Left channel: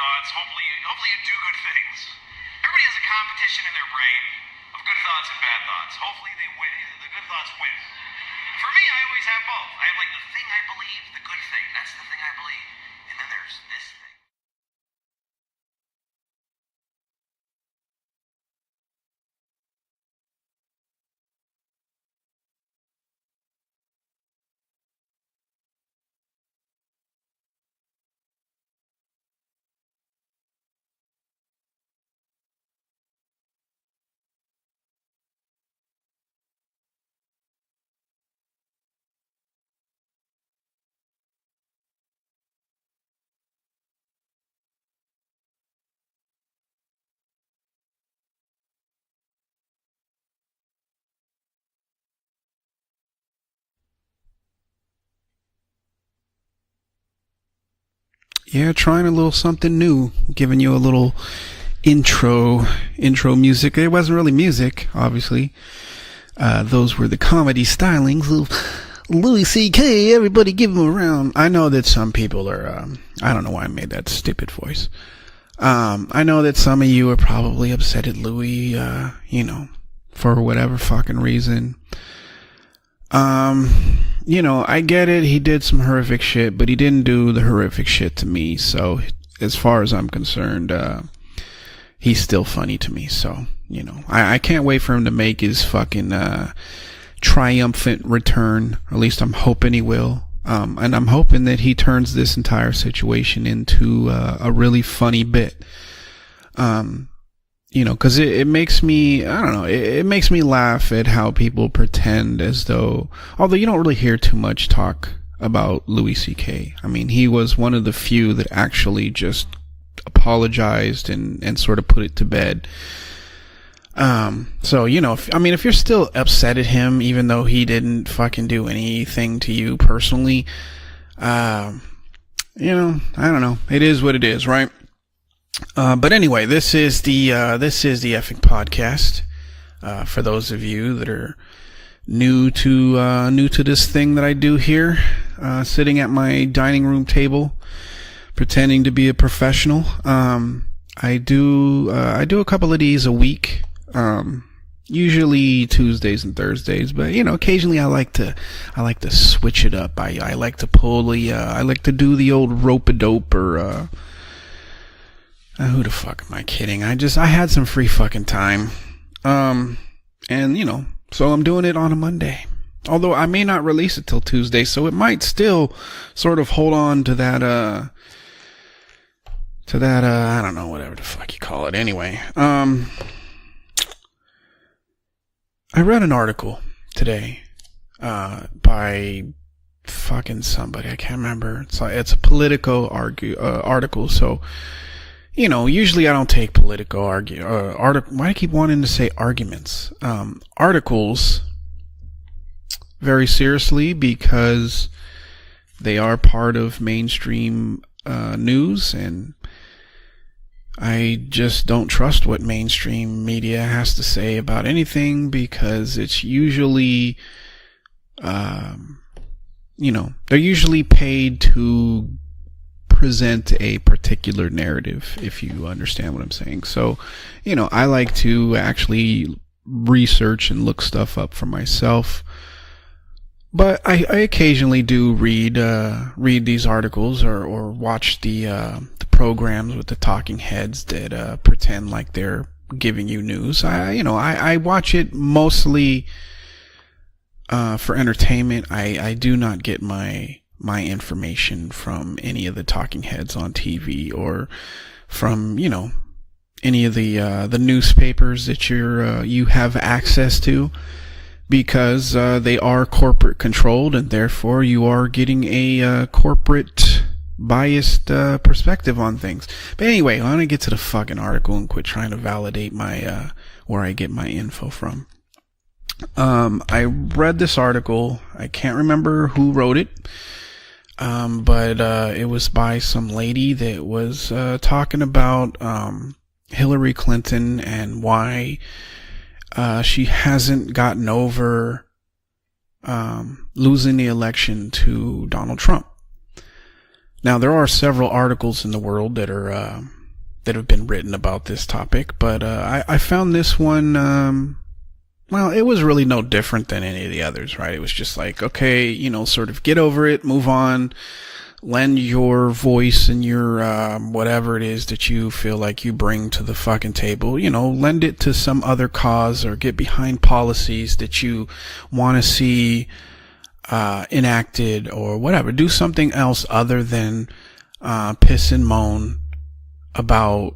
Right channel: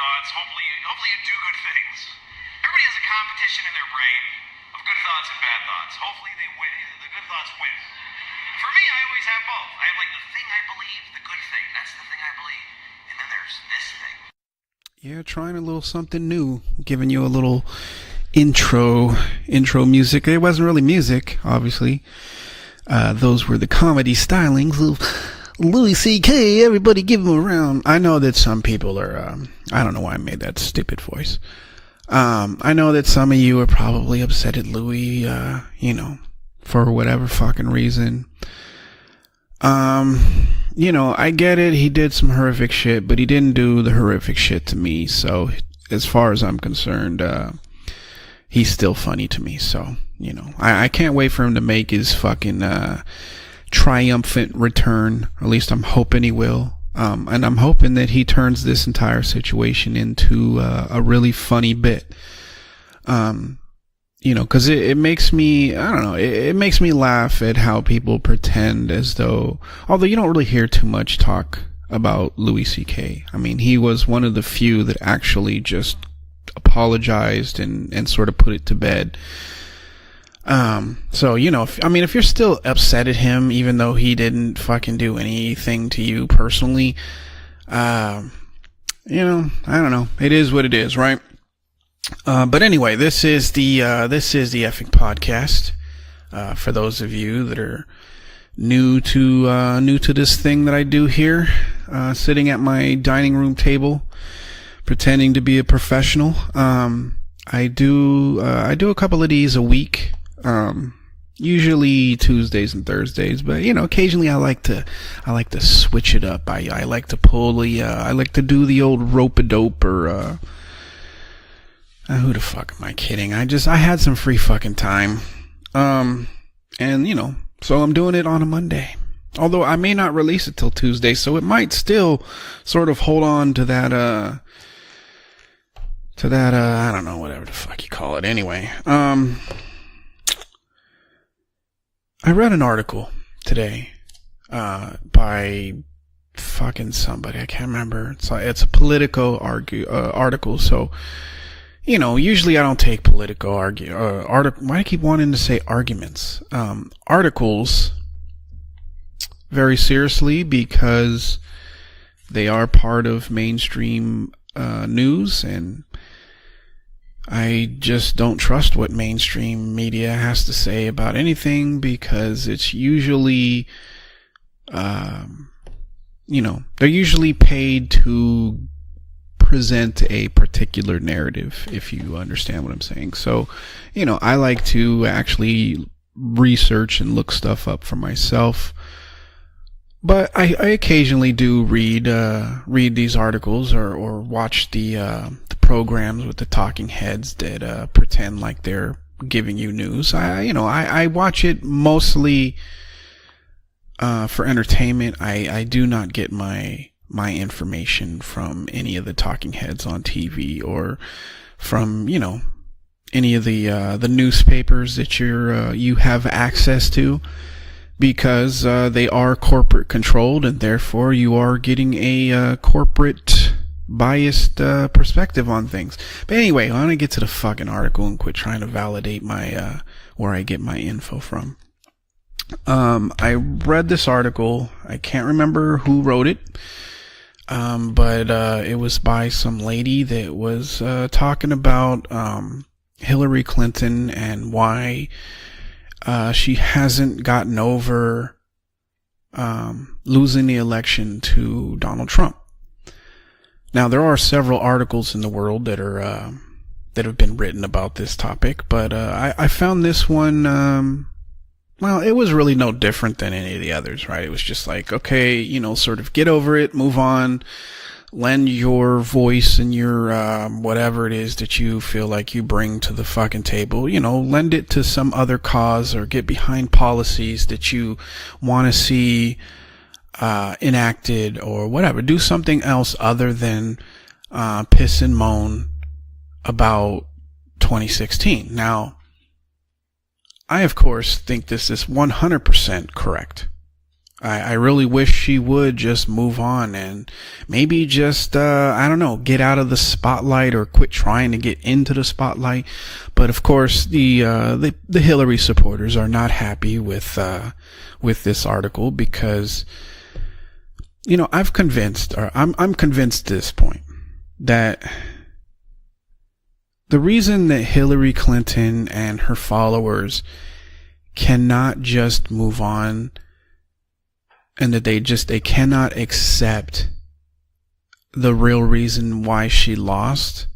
thoughts. Hopefully you do good things. Everybody has a competition in their brain of good thoughts and bad thoughts. Hopefully they win. The good thoughts win. For me, I always have both. I have like the thing I believe, the good thing. That's the thing I believe. And then there's this thing. Yeah, trying a little something new, giving you a little intro music. It wasn't really music, obviously. Those were the comedy stylings of Louis C.K. Everybody give him a round. I know that some people are, I don't know why I made that stupid voice. I know that some of you are probably upset at Louis, for whatever fucking reason. I get it. He did some horrific shit, but he didn't do the horrific shit to me. So as far as I'm concerned, he's still funny to me. So, I can't wait for him to make his fucking, triumphant return. At least I'm hoping he will. And I'm hoping that he turns this entire situation into giving you a little really funny bit. Intro music. It wasn't really music because it makes me, I don't know, it makes me laugh comedy at how people pretend as though Louis C.K. Everybody give him a round. I know that some people Louis C.K. I don't know why he was one of the few that actually just I know that some of you are probably upset and sort of put it to bed, for whatever fucking reason. So, if you're still upset at him, even though he didn't, I get it, he did some horrific shit, but he didn't do the horrific shit to me. So, as far as I'm concerned, it is what it is, right? He's still but anyway, this is the I can't wait for him to make his fucking for those of you triumphant return. At least I'm hoping he will to this thing that I do here. Hoping that he turns this sitting at my dining room table a really pretending to be a professional. I do because it makes me a couple of these a week. It makes me laugh at how people usually pretend Tuesdays and Thursdays. Although occasionally I like to talk about switch it up. I like to he was one of the few that actually rope-a-dope or apologized and sort of put it to bed. Fuck, am I kidding? I had some free fucking time. So if you're still upset at him, even though he didn't fucking do anything, although I may not release it till Tuesday, so it might still sort of hold on to that. It is what it is, right? But anyway, this is the podcast. For those of you that are new to this thing that I do here, sitting at my dining room table, I can't remember, pretending to be a professional. Article. So I do, usually I don't take a week. Why do I keep wanting to say Tuesdays and Thursdays? But occasionally I like to switch very seriously because I like to do the old rope-a-dope mainstream news. And who the fuck am I kidding? I had some free fucking time. I trust what mainstream media has to say about anything. So I'm doing it on a Monday. It's usually, although I may not release it till Tuesday, so it might still sort of hold on. They're usually paid to present a particular narrative. Call it anyway. Understand what I'm saying? So, I like to actually. I read an article, research today, and look stuff up for myself. But I occasionally do read these articles. So watch the usually I don't take political articles. Why do I keep wanting to say arguments? Giving you news. I watch it mostly very seriously because for entertainment. I do they not are get part of mainstream information from news any of the talking heads on TV, or I just don't trust what mainstream any of the newspapers that you have access to. Because they are corporate controlled, and therefore you are getting a corporate present a biased perspective on things. But anyway, so, let me get to the fucking I like to actually research and look stuff up for myself. I read this article. I occasionally do remember who wrote these articles or watch it was the program lady talking heads talking about giving Hillary Clinton. I watch it mostly. She hasn't gotten over entertainment. I do not get my losing the election information from any of the talking heads on TV. Now there are several articles in the world that are any of the newspapers that you have access to. Because it was really they are corporate controlled, and therefore you are getting a get over it, move on, biased, lend your voice and your anyway. I want to get to whatever it is that you feel like you bring to the fucking table, or lend it to some other cause, or get behind policies. I read this article. Want to remember who wrote it, enacted, but whatever. Do something else other than that was talking about Hillary Clinton 2016 now. she hasn't gotten over. I think this is 100% correct. Losing the election. I really wish she would just move on. And now there are several articles. I don't know, get out of the spotlight or quit trying to get into the spotlight. I found this one. The Hillary supporters. It was really no different than any of the others, right? It was just like, okay, sort of get over it, move on. I've convinced your voice and your whatever it is that you feel like you bring to the fucking table. The reason that Hillary Clinton to some other cause followers get behind policies that you cannot just want to see enacted, and that they just they cannot do something else other than the real reason why she lost about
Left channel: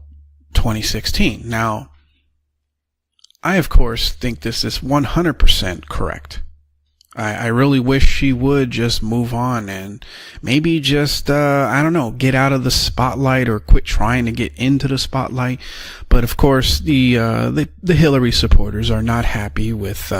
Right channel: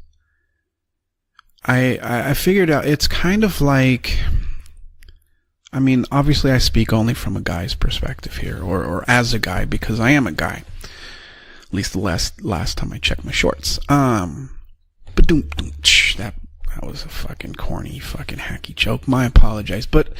2016. Now, I figured out it's kind of like, of course, think this is 100%. I mean, correct. Obviously, I speak only from I really wish she would just as a guy, because I am a guy. Maybe just I don't know, get out of the spotlight or quit trying to get into the spotlight. But of course, the Hillary supporters are not happy with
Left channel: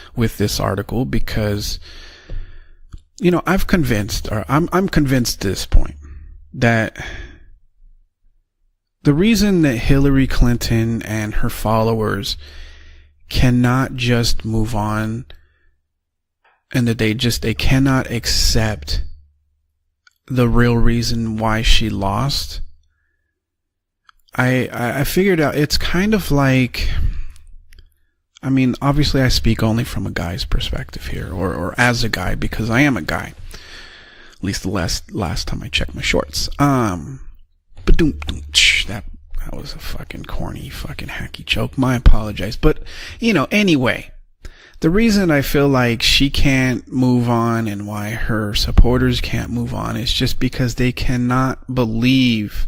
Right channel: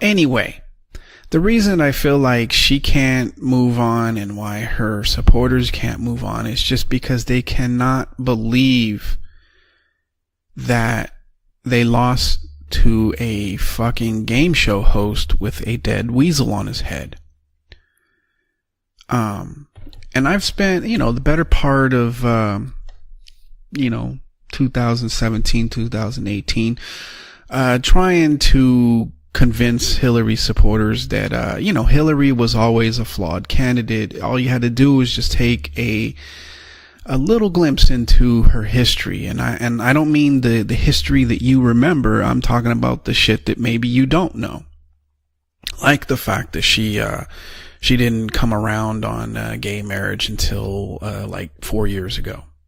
anyway with this article, because the reason I feel like she can't I'm convinced supporters can't move on is just because they cannot believe the reason that Hillary Clinton and her followers lost to a fucking game show host with a dead weasel on his head, and that they cannot accept and I've spent the better part of I figured out it's kind of like trying to obviously I convince Hillary supporters that Hillary was always a flawed candidate. All you had to do was just take a little glimpse into her history, and I don't mean the history that you remember. I'm talking about the shit that maybe you don't know. The reason I feel like she can't move on and she didn't come around, supporters can't move on, is just because they cannot believe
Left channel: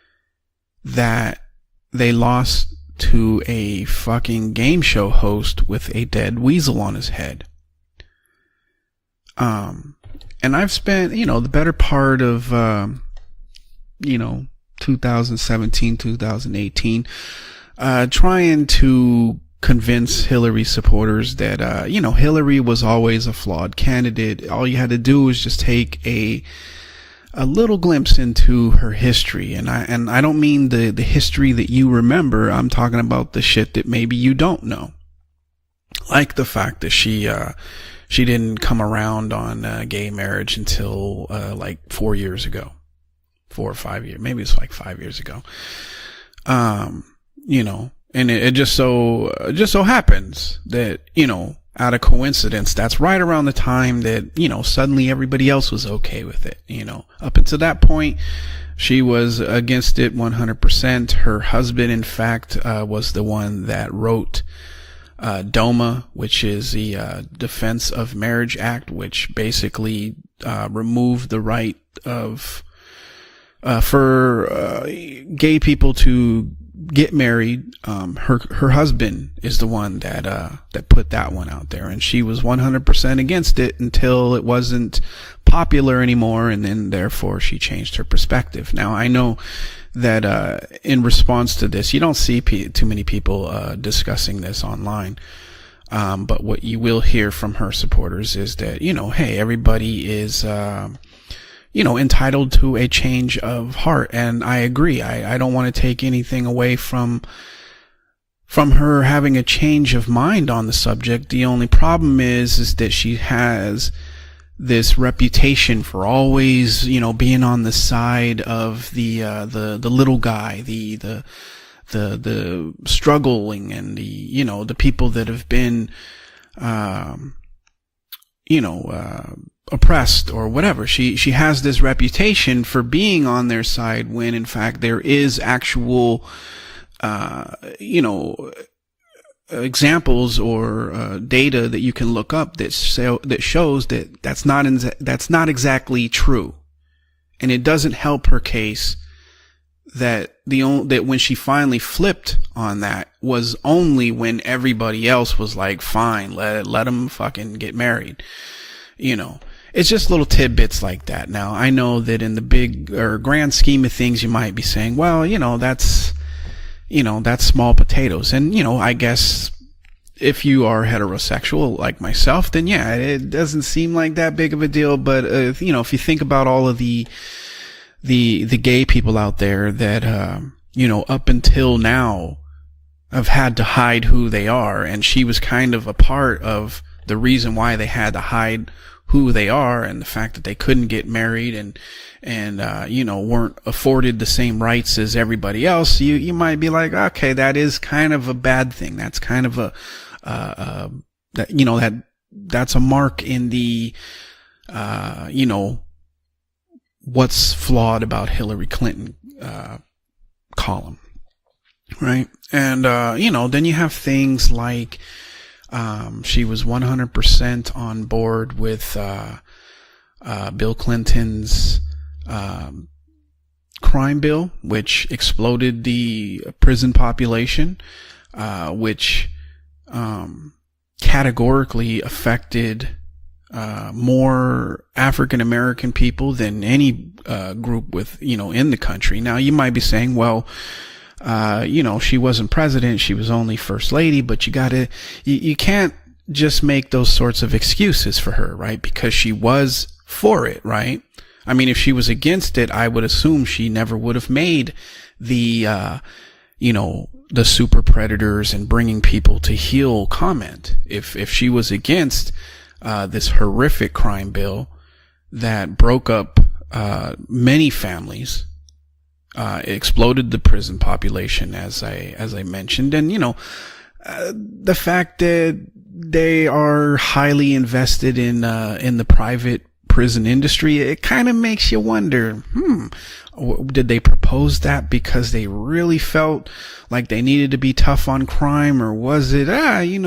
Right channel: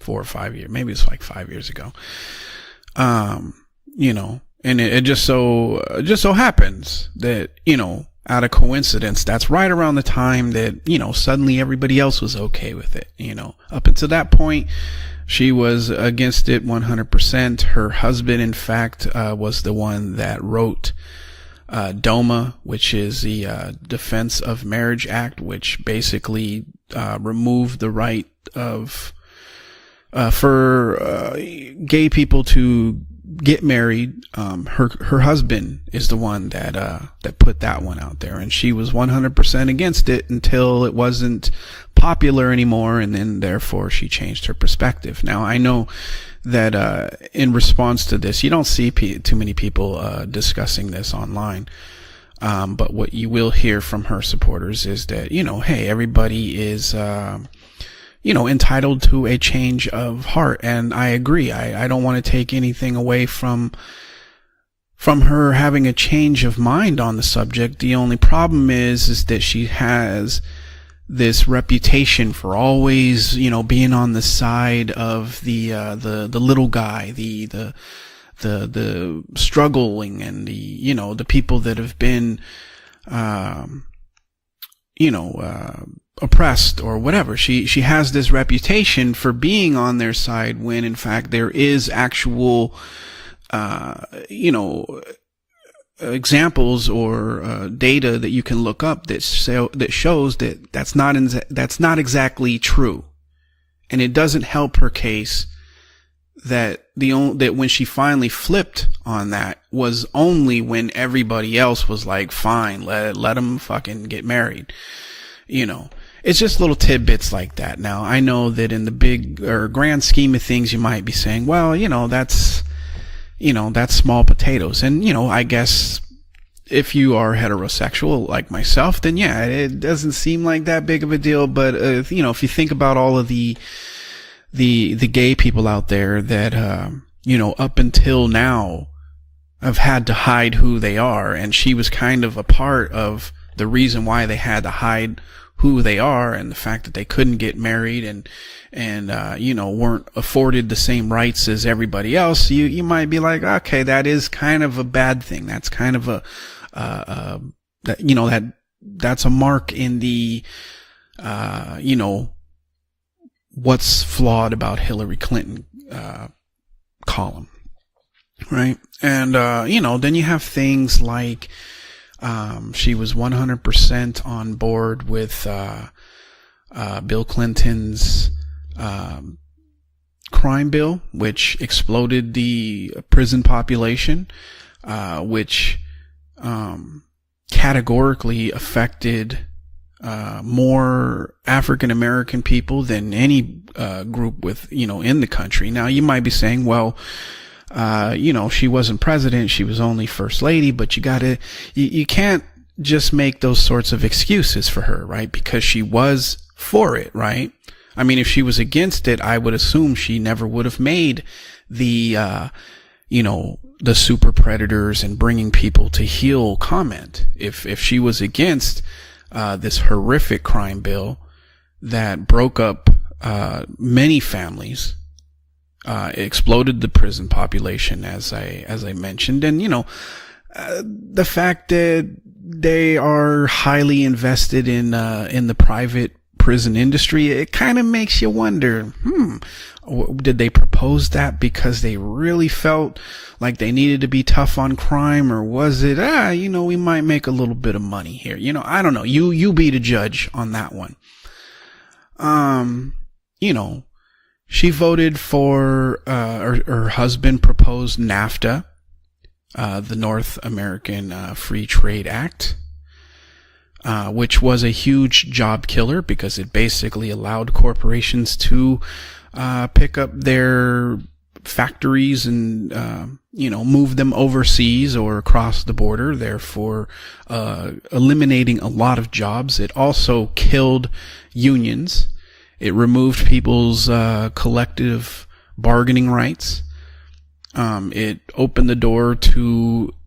4 or 5 years, maybe that 5 years ago, they lost to a fucking game show host with a dead weasel on his head. That, out of coincidence, that's right around the time and I've spent suddenly everybody else was okay with it. Up until that point, 2017, she was against it 100%. Her husband, in fact, was convince Hillary supporters that Hillary was always a flawed candidate. All you had to do was just take a little glimpse into her history, and I don't mean the history that you remember. I'm talking about the shit that maybe you don't know. Her husband is the one that she put that one out. She didn't come around 100% against it until it wasn't popular anymore, and then therefore she changed her perspective. Now I know that in response to this, it just so happened discussing this online out of coincidence. That's right around the time that suddenly everybody else, everybody is up until that point, entitled to a change of heart. And I agree. I don't want to take anything away from that wrote. From her having a change of mind on the subject. The only problem is that she has removed this reputation for always, being on the side of gay people to the little guy get married. Her husband struggled, and the people that have been. She was 100% against it until it wasn't, popular anymore, or whatever. She has this reputation for being on their side when in response to this, you don't see too many people discussing this online. Examples you'll hear from her data that you can look up. Hey, everybody shows that's not exactly to a change of heart. And it doesn't. I agree. I don't want to take anything away from that when she finally flipped from her having a change of mind on the subject. Everybody else was like, fine, that she let him fucking get married. This reputation for always, it's just little tidbits being on the side. I know that in the big or grand scheme of things, you might be saying, well, that's struggle. That's small potatoes. People, I guess. If you are heterosexual like myself, then it doesn't seem like that big of a deal. She has this reputation for being on their side when in fact there is gay people out there that up until now have had to hide who they are. Data she was kind of a part of that shows the reason why they had to hide. That's not exactly true. And the fact that they couldn't get married, it doesn't help her case, and weren't afforded the same rights as everybody else. You might be like, okay, that is kind of a bad thing. Everybody else was like, fine, let them fucking get married. That's a mark. It's just little tidbits like that. Now I know that in the big or grand scheme of things, you might be saying, well, that's. that's small potatoes. And I guess then you have, if you are heterosexual like myself, then it doesn't seem like that big of a deal. But if you think about all of the Bill Clinton's, the gay people out there that crime bill, up until now, have had to hide who they are, and she was kind of a part of the reason why they had to hide who they are, and the fact that they couldn't get married. African American people that weren't afforded the same rights as everybody else. Now, you might be saying, well, okay, that is kind of a bad she wasn't thing. president, she was only first lady, but you got to, you can't. That's a mark just make those sorts of excuses for her, right? Because she was for it. What's flawed? I mean, if she was against Clinton, it, I would assume she never would have made the and then you have the super predators like, and bringing people to heal. She was 100% if she was against with this horrific crime Bill Clinton's that broke up many families, which exploded the population as I mentioned, and categorically affected. They are highly invested in African American people than prison any industry. It kind of makes you wonder in the country. Now you might be saying, well, did they propose that because she really wasn't president? She was only like they first needed lady, to be but tough on crime, or you was can't it, just make those sorts of excuses for her. Right? I don't know. Because you be the the judge for it, right? I mean, if she was against it, I would assume she never would have made. She voted for her husband, the super predators, NAFTA, and bringing people to heal North America. If she was against this horrific crime, which bill was a huge job killer broke up, because it basically allowed many corporations to exploded their their population factories, as I mentioned, and move them overseas or across the border. They are highly invested eliminating in a lot of jobs. It also prison industry. killed It kind of makes you unions. wonder. It removed people's did they propose that collective because they bargaining really felt rights. like they needed to be tough It on opened crime, the door or was to it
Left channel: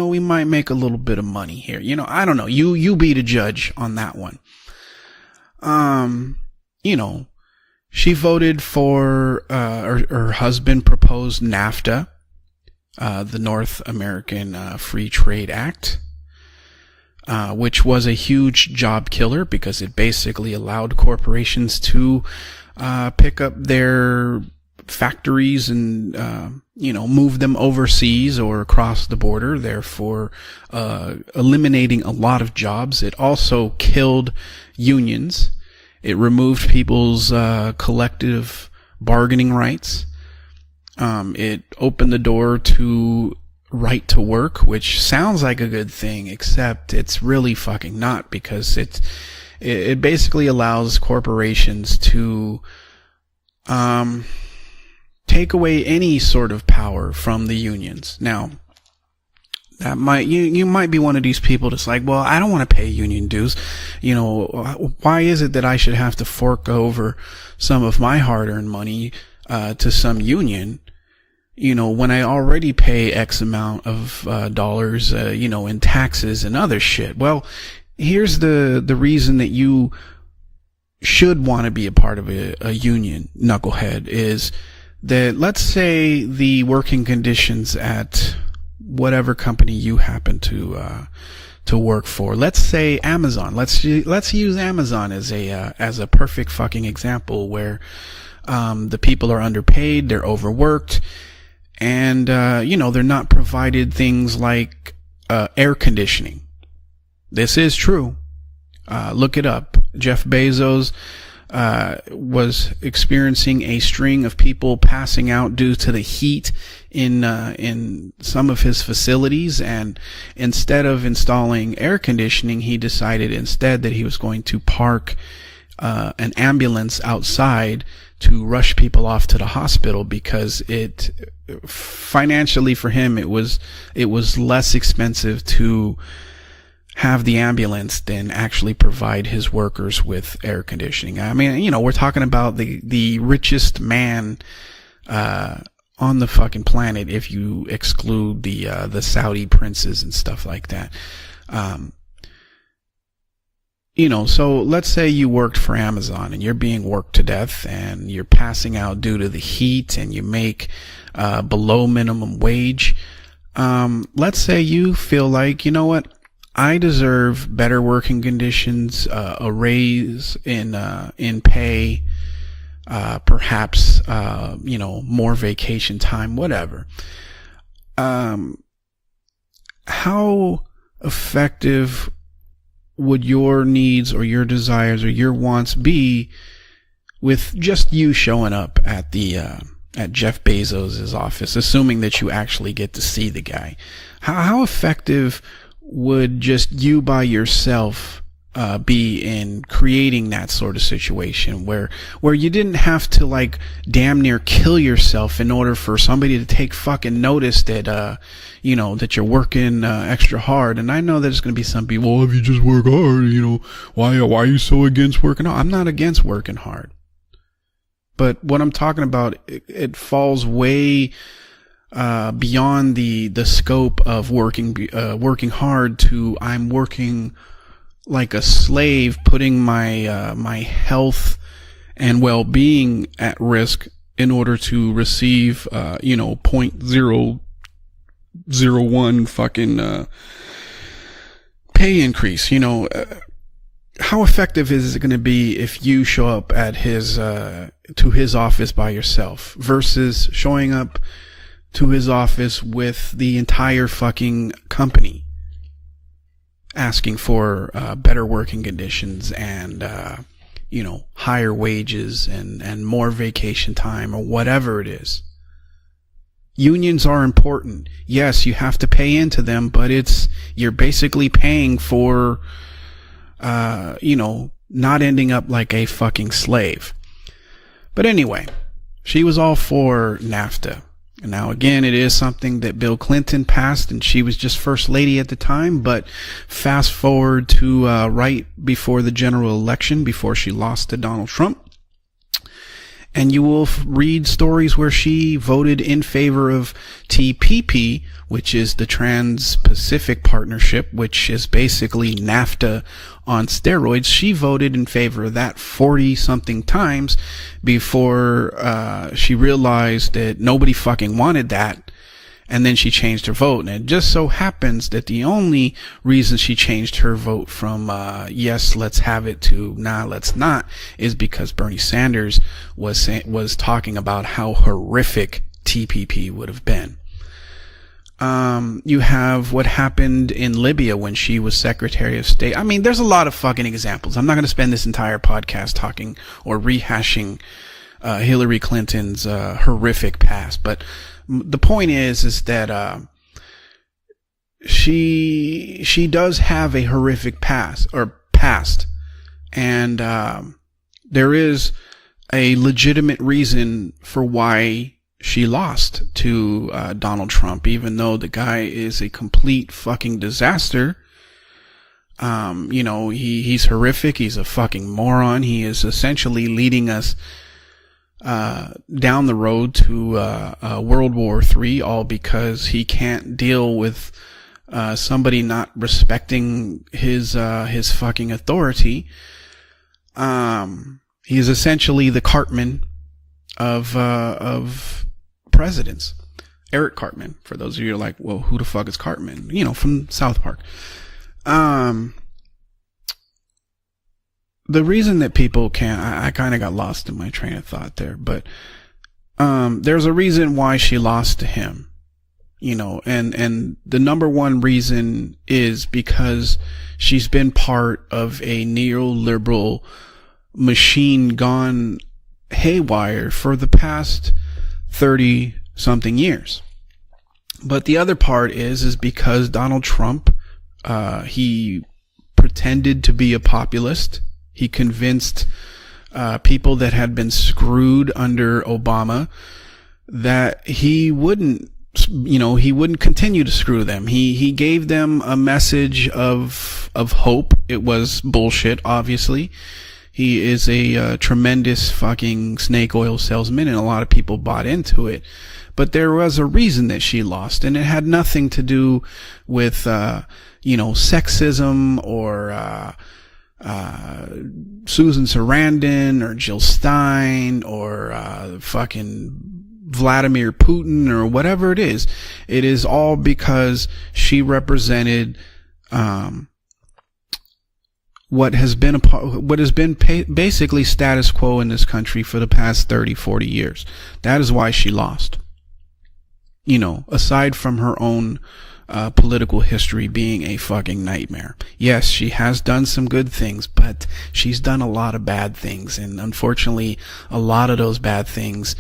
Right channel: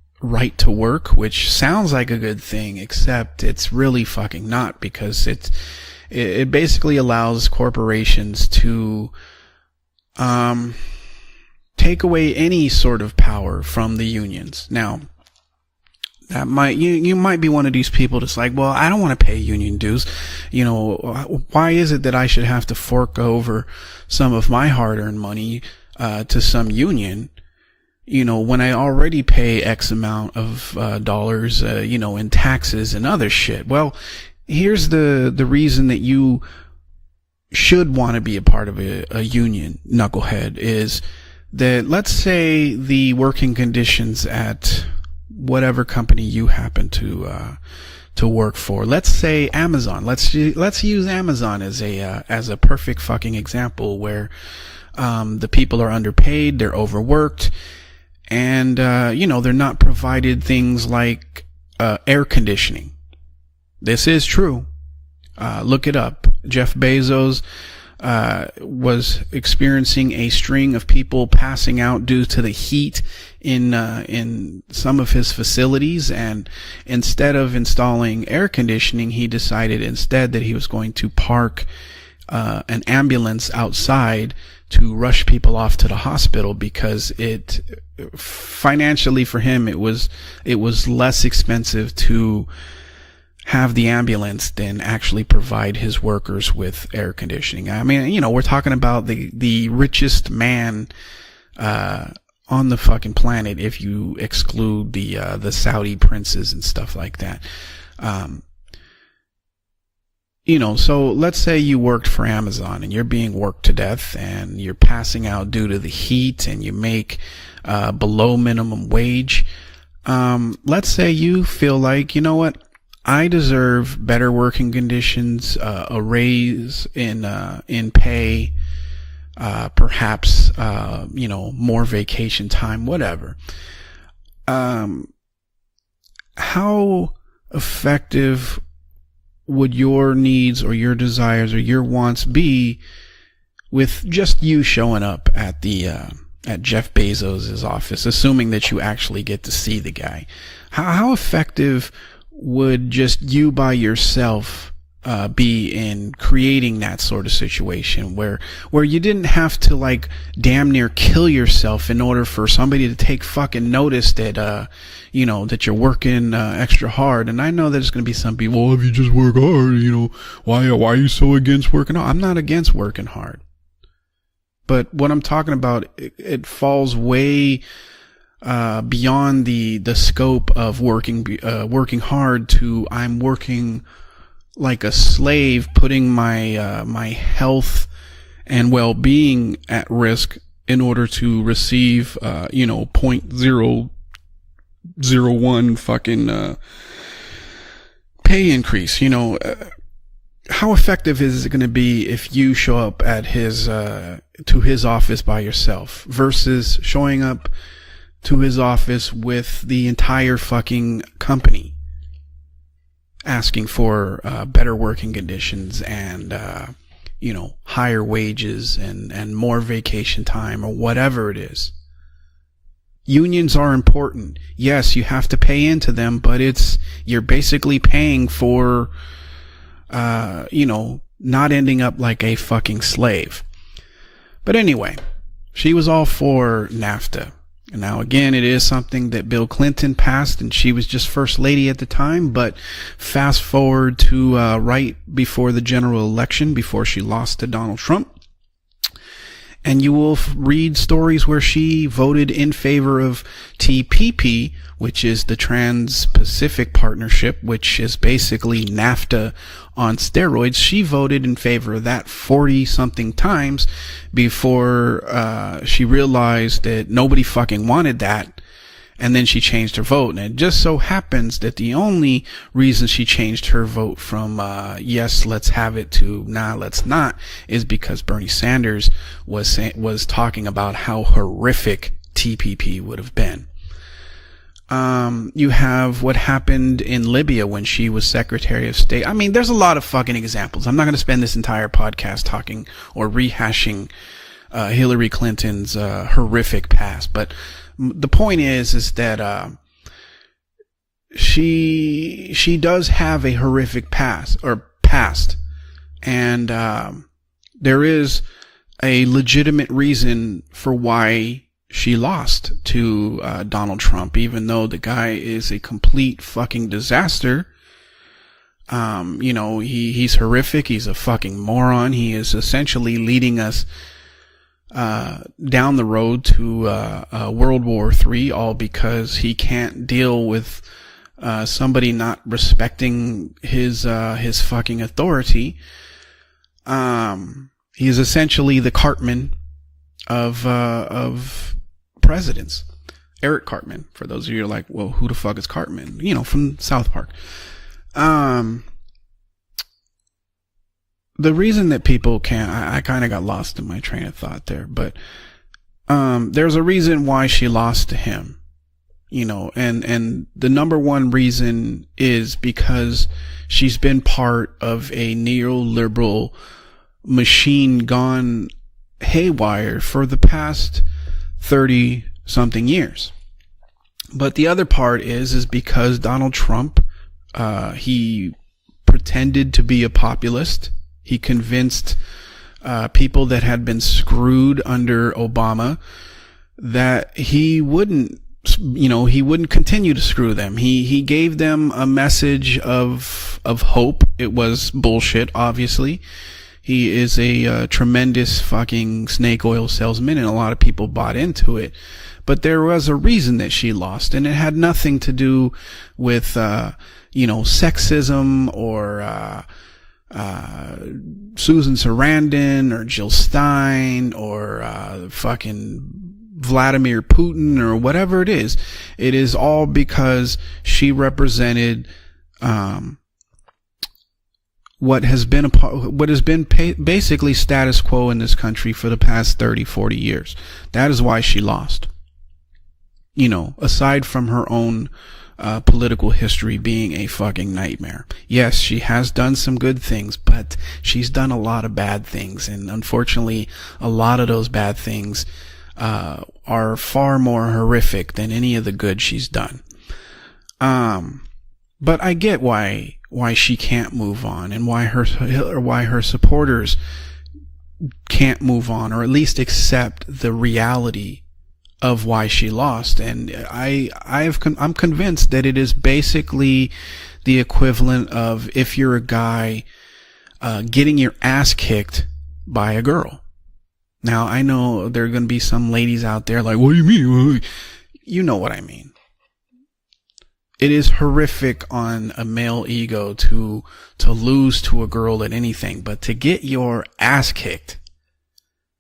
we might right make to a little work, bit of which money. sounds like I don't know. You be the judge. It's really on that one. fucking not, because it's It basically allows corporations. She voted to, for her husband proposed NAFTA. take away any sort of power the North from the American unions. Free Trade Act. That might you might be one of which these was people a that's huge like, well, I job don't want to killer pay because it dues. basically allowed corporations why is it to, that I should have to fork pick over up their some of my hard factories money, and to some union, move them overseas, or when I across already the border, pay X therefore, amount of dollars, eliminating a in lot taxes of jobs and other also shit. well Killed here's unions. the reason that you It removed people's should want to be a collective part of a bargaining union. rights. Knucklehead is it that opened let's the door say to the working conditions right to work, at which sounds like whatever a good company thing, you except happen to it's really fucking not to work because for. it- Let's say Amazon. It basically let's allows use Amazon corporations as a perfect fucking example where take the away people are any underpaid, sort of they're power overworked, from the unions. Now, and they're not that might, provided you things might be like, one of these people that's like, air well, I don't want to conditioning. pay union dues. This You is know, true. Why is it that I Look should it up. have to fork Jeff over Bezos, some of my hard-earned money was to experiencing some a union? string of people passing out when due I to the already heat pay X amount in dollars, some of his in facilities taxes and other shit. Instead Well, of installing here's air the conditioning, reason he that decided you instead that he was going to should park want to be a part of an union ambulance knucklehead outside is to rush that people let's off to say the hospital the working because conditions at financially whatever for him company it you was happen to, it was less expensive to work for. Let's say Amazon. have Let's the use- ambulance Let's use than Amazon actually as provide as his a workers perfect with fucking air example. conditioning. Where I mean, we're talking about the people are the underpaid, richest they're man, overworked. and on the they're fucking not planet, provided if you things like exclude the air Saudi conditioning princes and stuff like that. This is true. Look it up. Jeff Bezos. So let's say you worked for was Amazon, and you're being experiencing worked to a death, string of and people you're passing out due to the heat, heat, and you make in below some of minimum his wage. facilities, and instead let's of say you installing feel air like, you know what, conditioning, he decided I instead deserve that he was better going working to park conditions, an raise ambulance in, outside in pay to rush people off to the hospital perhaps, because it more vacation financially time, for whatever. him, it was less expensive to how have the ambulance than effective actually provide his would workers your with needs air or your conditioning. desires I mean, or your we're talking wants about be the richest with man just you showing up at the on the fucking Jeff planet if Bezos' you office, exclude assuming the, that you the actually Saudi get to see princes the guy and stuff like that. How effective would just you by yourself, so let's say you worked for Amazon, creating that sort of situation where you didn't have to like damn near kill yourself in order for somebody to take fucking notice that, let's say you feel like that you're working I deserve and I know better there's working conditions. Well, if you just work hard, raise why are you so against working? No, I'm not against working hard. Perhaps, but what I'm talking about, time, it whatever. falls way beyond the scope of working hard to would your needs or your desires or your wants putting my my with health just you showing and up well-being at risk Jeff Bezos' in order to office, receive assuming that you actually get to see the guy. How effective 0.01 fucking would just you by yourself pay increase, be creating that sort how of effective is it situation going to be if where you show didn't up have at to like his, damn near kill yourself in order for somebody to take fucking showing notice that to his office that you're with working the entire hard? And I know there's going to be some people, well, if you just work hard, asking for why are you so against working? No, I'm not against working hard. Higher wages. But what I'm talking about, more vacation time, way whatever it is. Beyond the unions the are scope important of working. Yes, you have to pay into them, but you're basically paying like for a slave, putting my health not ending up like and a well-being fucking slave at risk in order But anyway, to receive. she was all for NAFTA. Now again, it is 0.01 something that Bill fucking, Clinton passed, and she was just first lady at pay the time. increase. But fast forward to how effective right is it going to be before the if general you show election, up at before she his, lost to Donald Trump, to his office by yourself, and you will versus read stories where she to his voted in office favor with of the entire TPP, fucking which is the Trans-Pacific Partnership, which is better basically working NAFTA conditions and, on steroids. She voted in higher favor of that wages 40 and something more vacation times time or whatever before it is. she realized Unions that nobody are fucking important. wanted that. Yes, you have to pay and then into she them, changed her but vote. it's- And it just you're so basically happens that paying the only only reason she changed her vote from, not yes, ending let's up like have a it to, fucking nah, slave. let's not, is because But Bernie anyway, Sanders she was all was for talking NAFTA. about how Now, horrific again, it is something TPP that Bill would have Clinton been. passed, and she was just first lady at the You time. have but what happened fast in forward Libya when to, she was right Secretary of before State. the I mean, general there's a lot of election fucking before she examples. lost I'm not to going to spend Donald this Trump. entire podcast talking or And you will rehashing read stories where Hillary she Clinton's, voted in favor horrific of past, but TPP. The point which is the the that, Trans-Pacific Partnership, which is basically NAFTA. She does have a on horrific steroids. past, She voted in passed. favor of that 40-something times. There before a legitimate she realized reason that nobody for why fucking wanted that. She lost, and then she to, changed her vote. Donald And it Trump, just so even though happens the guy that the is only a complete reason she fucking changed disaster her vote from yes, let's have it, to, he's let's horrific, not, he's a is fucking because moron. Bernie Sanders He is essentially was leading was us talking about how horrific down the road TPP would to have been. World War III, all because you have he can't what happened deal with in Libya when she was somebody Secretary not of State. I mean, there's a lot of fucking examples. I'm not going to spend this entire authority. podcast talking or rehashing. He is essentially the Cartman horrific of, past, but of the point is presidents. that Eric Cartman, for those of you who are like, well, she who the fuck is Cartman? She You know, does from have South a Park. horrific past, Past, and there the is reason that people can a legitimate reason for why she lost. There's a reason why Donald she Trump, lost, even to though him. the guy is a You know, complete and fucking the disaster. number one reason is because he's she's horrific. been He's part a fucking of moron. a He is neoliberal essentially leading us machine gone down the haywire road for the through, past World War 30 III, all because something he years. can't deal with. But the other part somebody is not because Donald respecting Trump, his he fucking authority, pretended to be a populist. he He's convinced essentially the Cartman people that had been of, screwed of under Obama presidents. That Cartman, he for those of you wouldn't, like, well, who the fuck you is know, he Cartman? wouldn't You know, continue from to screw South them. Park. He gave them a message of hope. It was the bullshit. reason that people obviously, I kind of got he lost. is in my train a of thought tremendous there, fucking snake oil salesman. there's a and lot reason of why people she bought lost into to it. him. But there was know, a reason and that she lost. The number And it had one nothing reason to do is with, because she's been sexism part of a or, neoliberal machine gone Susan Sarandon, haywire or Jill Stein, for the past or 30 something years. Vladimir Putin, or But whatever the other part it is it because is all Donald because Trump, she represented, pretended to be a populist. He convinced what has been people that basically have been status quo in this under country for the Obama past 30, 40 years. that is why she wouldn't, lost. You know, he wouldn't continue to screw aside them. from he, her he own, gave them a message political of history being a of fucking hope. nightmare. It was Yes, bullshit. she has obviously. done some good things. He but is she's a done tremendous a lot of bad fucking things, and snake oil unfortunately, salesman, and a a lot, lot of those people bought bad into things. it. But there was a are reason far that she more lost, and it horrific had than nothing any to of the do good she's done. with sexism. But I get why she can't move on, and why Susan Sarandon, her supporters or Jill Stein, or can't move on, or at least accept Vladimir reality Putin or whatever it is of why she it lost. It is all because she I'm convinced that it is basically the equivalent of what has been basically status quo in this country for the past 30, 40 years. Now, that is why there there are going to be some ladies out there like, aside from her own, you know what I mean, political history being a fucking it is horrific. Nightmare. Yes, she has done some good things, but to lose she's done a lot of bad things. But to get your ass kicked, a lot of those bad things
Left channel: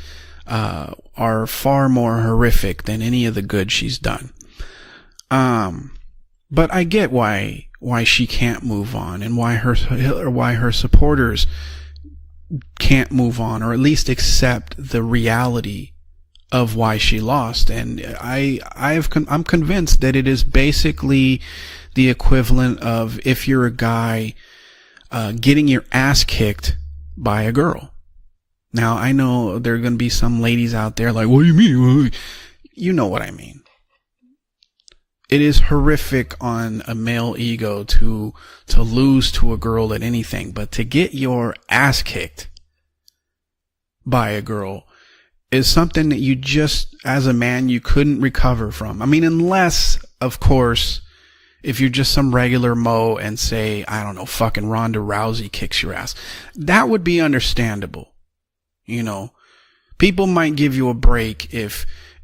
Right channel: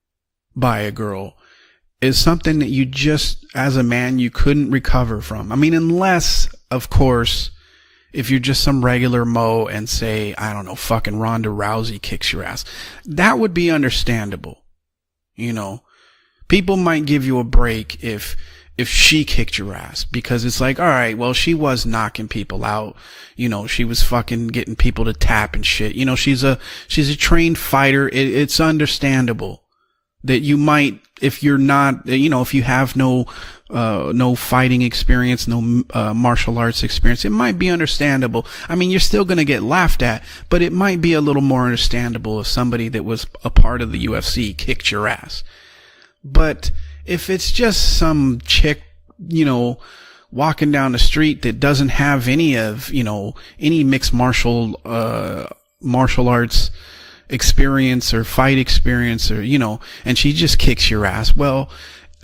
by a girl are far more horrific that you than just, any of the good as a man, done. You couldn't recover from. I mean, unless, but I get why she if you're can't just some regular mower and say why her supporters Ronda Rousey kicks your ass can't. That would be understandable. Accept the reality. People might give you a break I'm convinced that it is basically all right, well, she was the equivalent of if you're a she was guy fucking getting people to tap getting your ass kicked. She's a trained fighter. It's understandable. Now, there are going to be some that ladies you might, out there like, if you're not, if you have no fighting experience, it is horrific martial arts experience. It might be understandable. I mean, you're still going to get laughed at, anything, but it might be a little more ass understandable if somebody that was a part of the UFC kicked your ass. Is something that you just, as a man, you couldn't recover from. I mean, unless of walking down the street that doesn't have some any regular mo and say any mixed martial Ronda Rousey kicks your martial arts, that would be experience or fight experience or people might just give you a break. Well,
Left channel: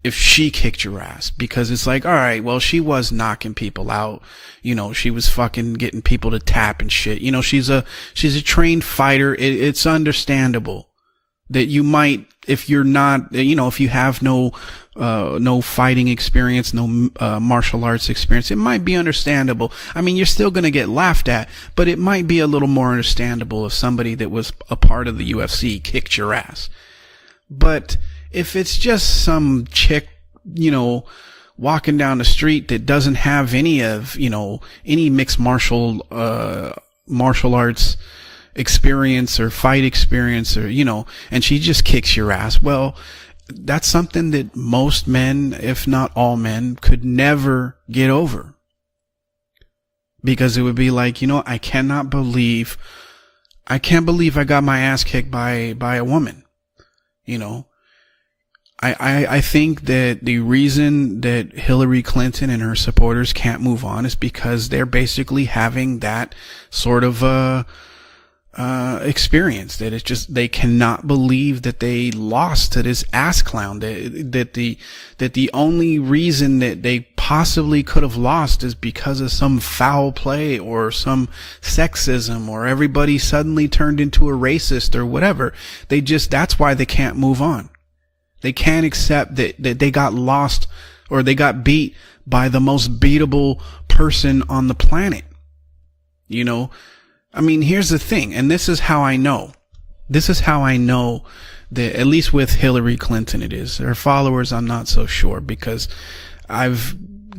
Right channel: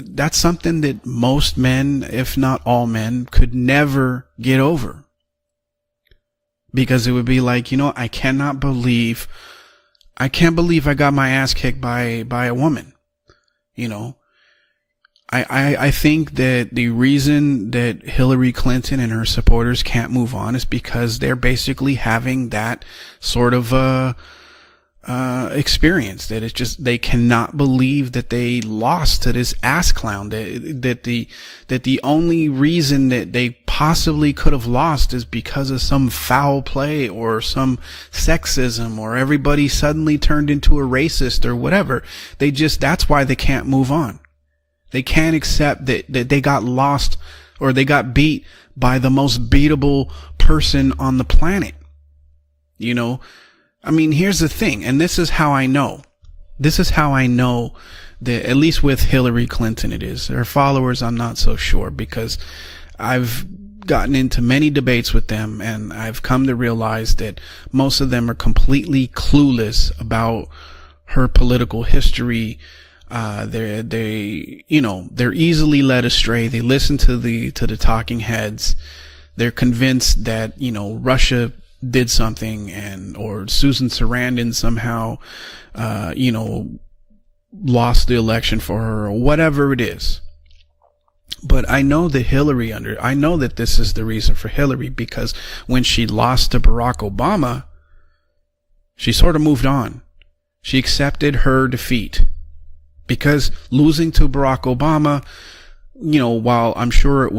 if that's she something that your ass, most men, it's like, all right, well, she was knocking people never out. Get over. She was fucking getting people to tap because it would be like, she's a trained fighter. It's understandable. I can't believe I got my ass kicked by a woman. If you're not, if you have no fighting experience, the reason martial arts Hillary Clinton might be understandable. I mean, you're still going to get laughed at, but it might be a little more understandable. Sort of somebody that was a part of the UFC experience. It's just they cannot believe that they lost to this ass clown. That the walking down the street that doesn't have any possibly could have lost any mixed martial some foul play or martial arts sexism experience. Everybody suddenly turned into a racist, and she just whatever. kicks your ass. They just that's why they can't. That's move something on. that most they can't accept that they got lost, never or they got beat over. by the most beatable because person it would be like, I cannot believe, I can't believe I got my ass kicked. This is how I know by a woman. This is how I know. That at least with Hillary I think Clinton, that the followers I'm not that so Hillary sure Clinton and her supporters can't move on gotten into many debates with them, having that I've come to realize sort of most of them are completely experienced. That it's just they cannot believe political that they history, lost to this ass clown. They're easily led astray. They listen to possibly could have lost is because of some foul play or Russia did something, or everybody suddenly turned into a racist or whatever. They just that's why they can't move on. Lost the election. They can't accept whatever that they got lost or they got beat I know that by the most beatable person on the planet. Because when she lost to Barack Obama, I mean, here's the thing, and this is how she sort of moved on. This is how I know accepted her defeat, at least with Hillary Clinton. Because it is. losing her followers, to Barack I'm not Obama, so sure because while I'm sure it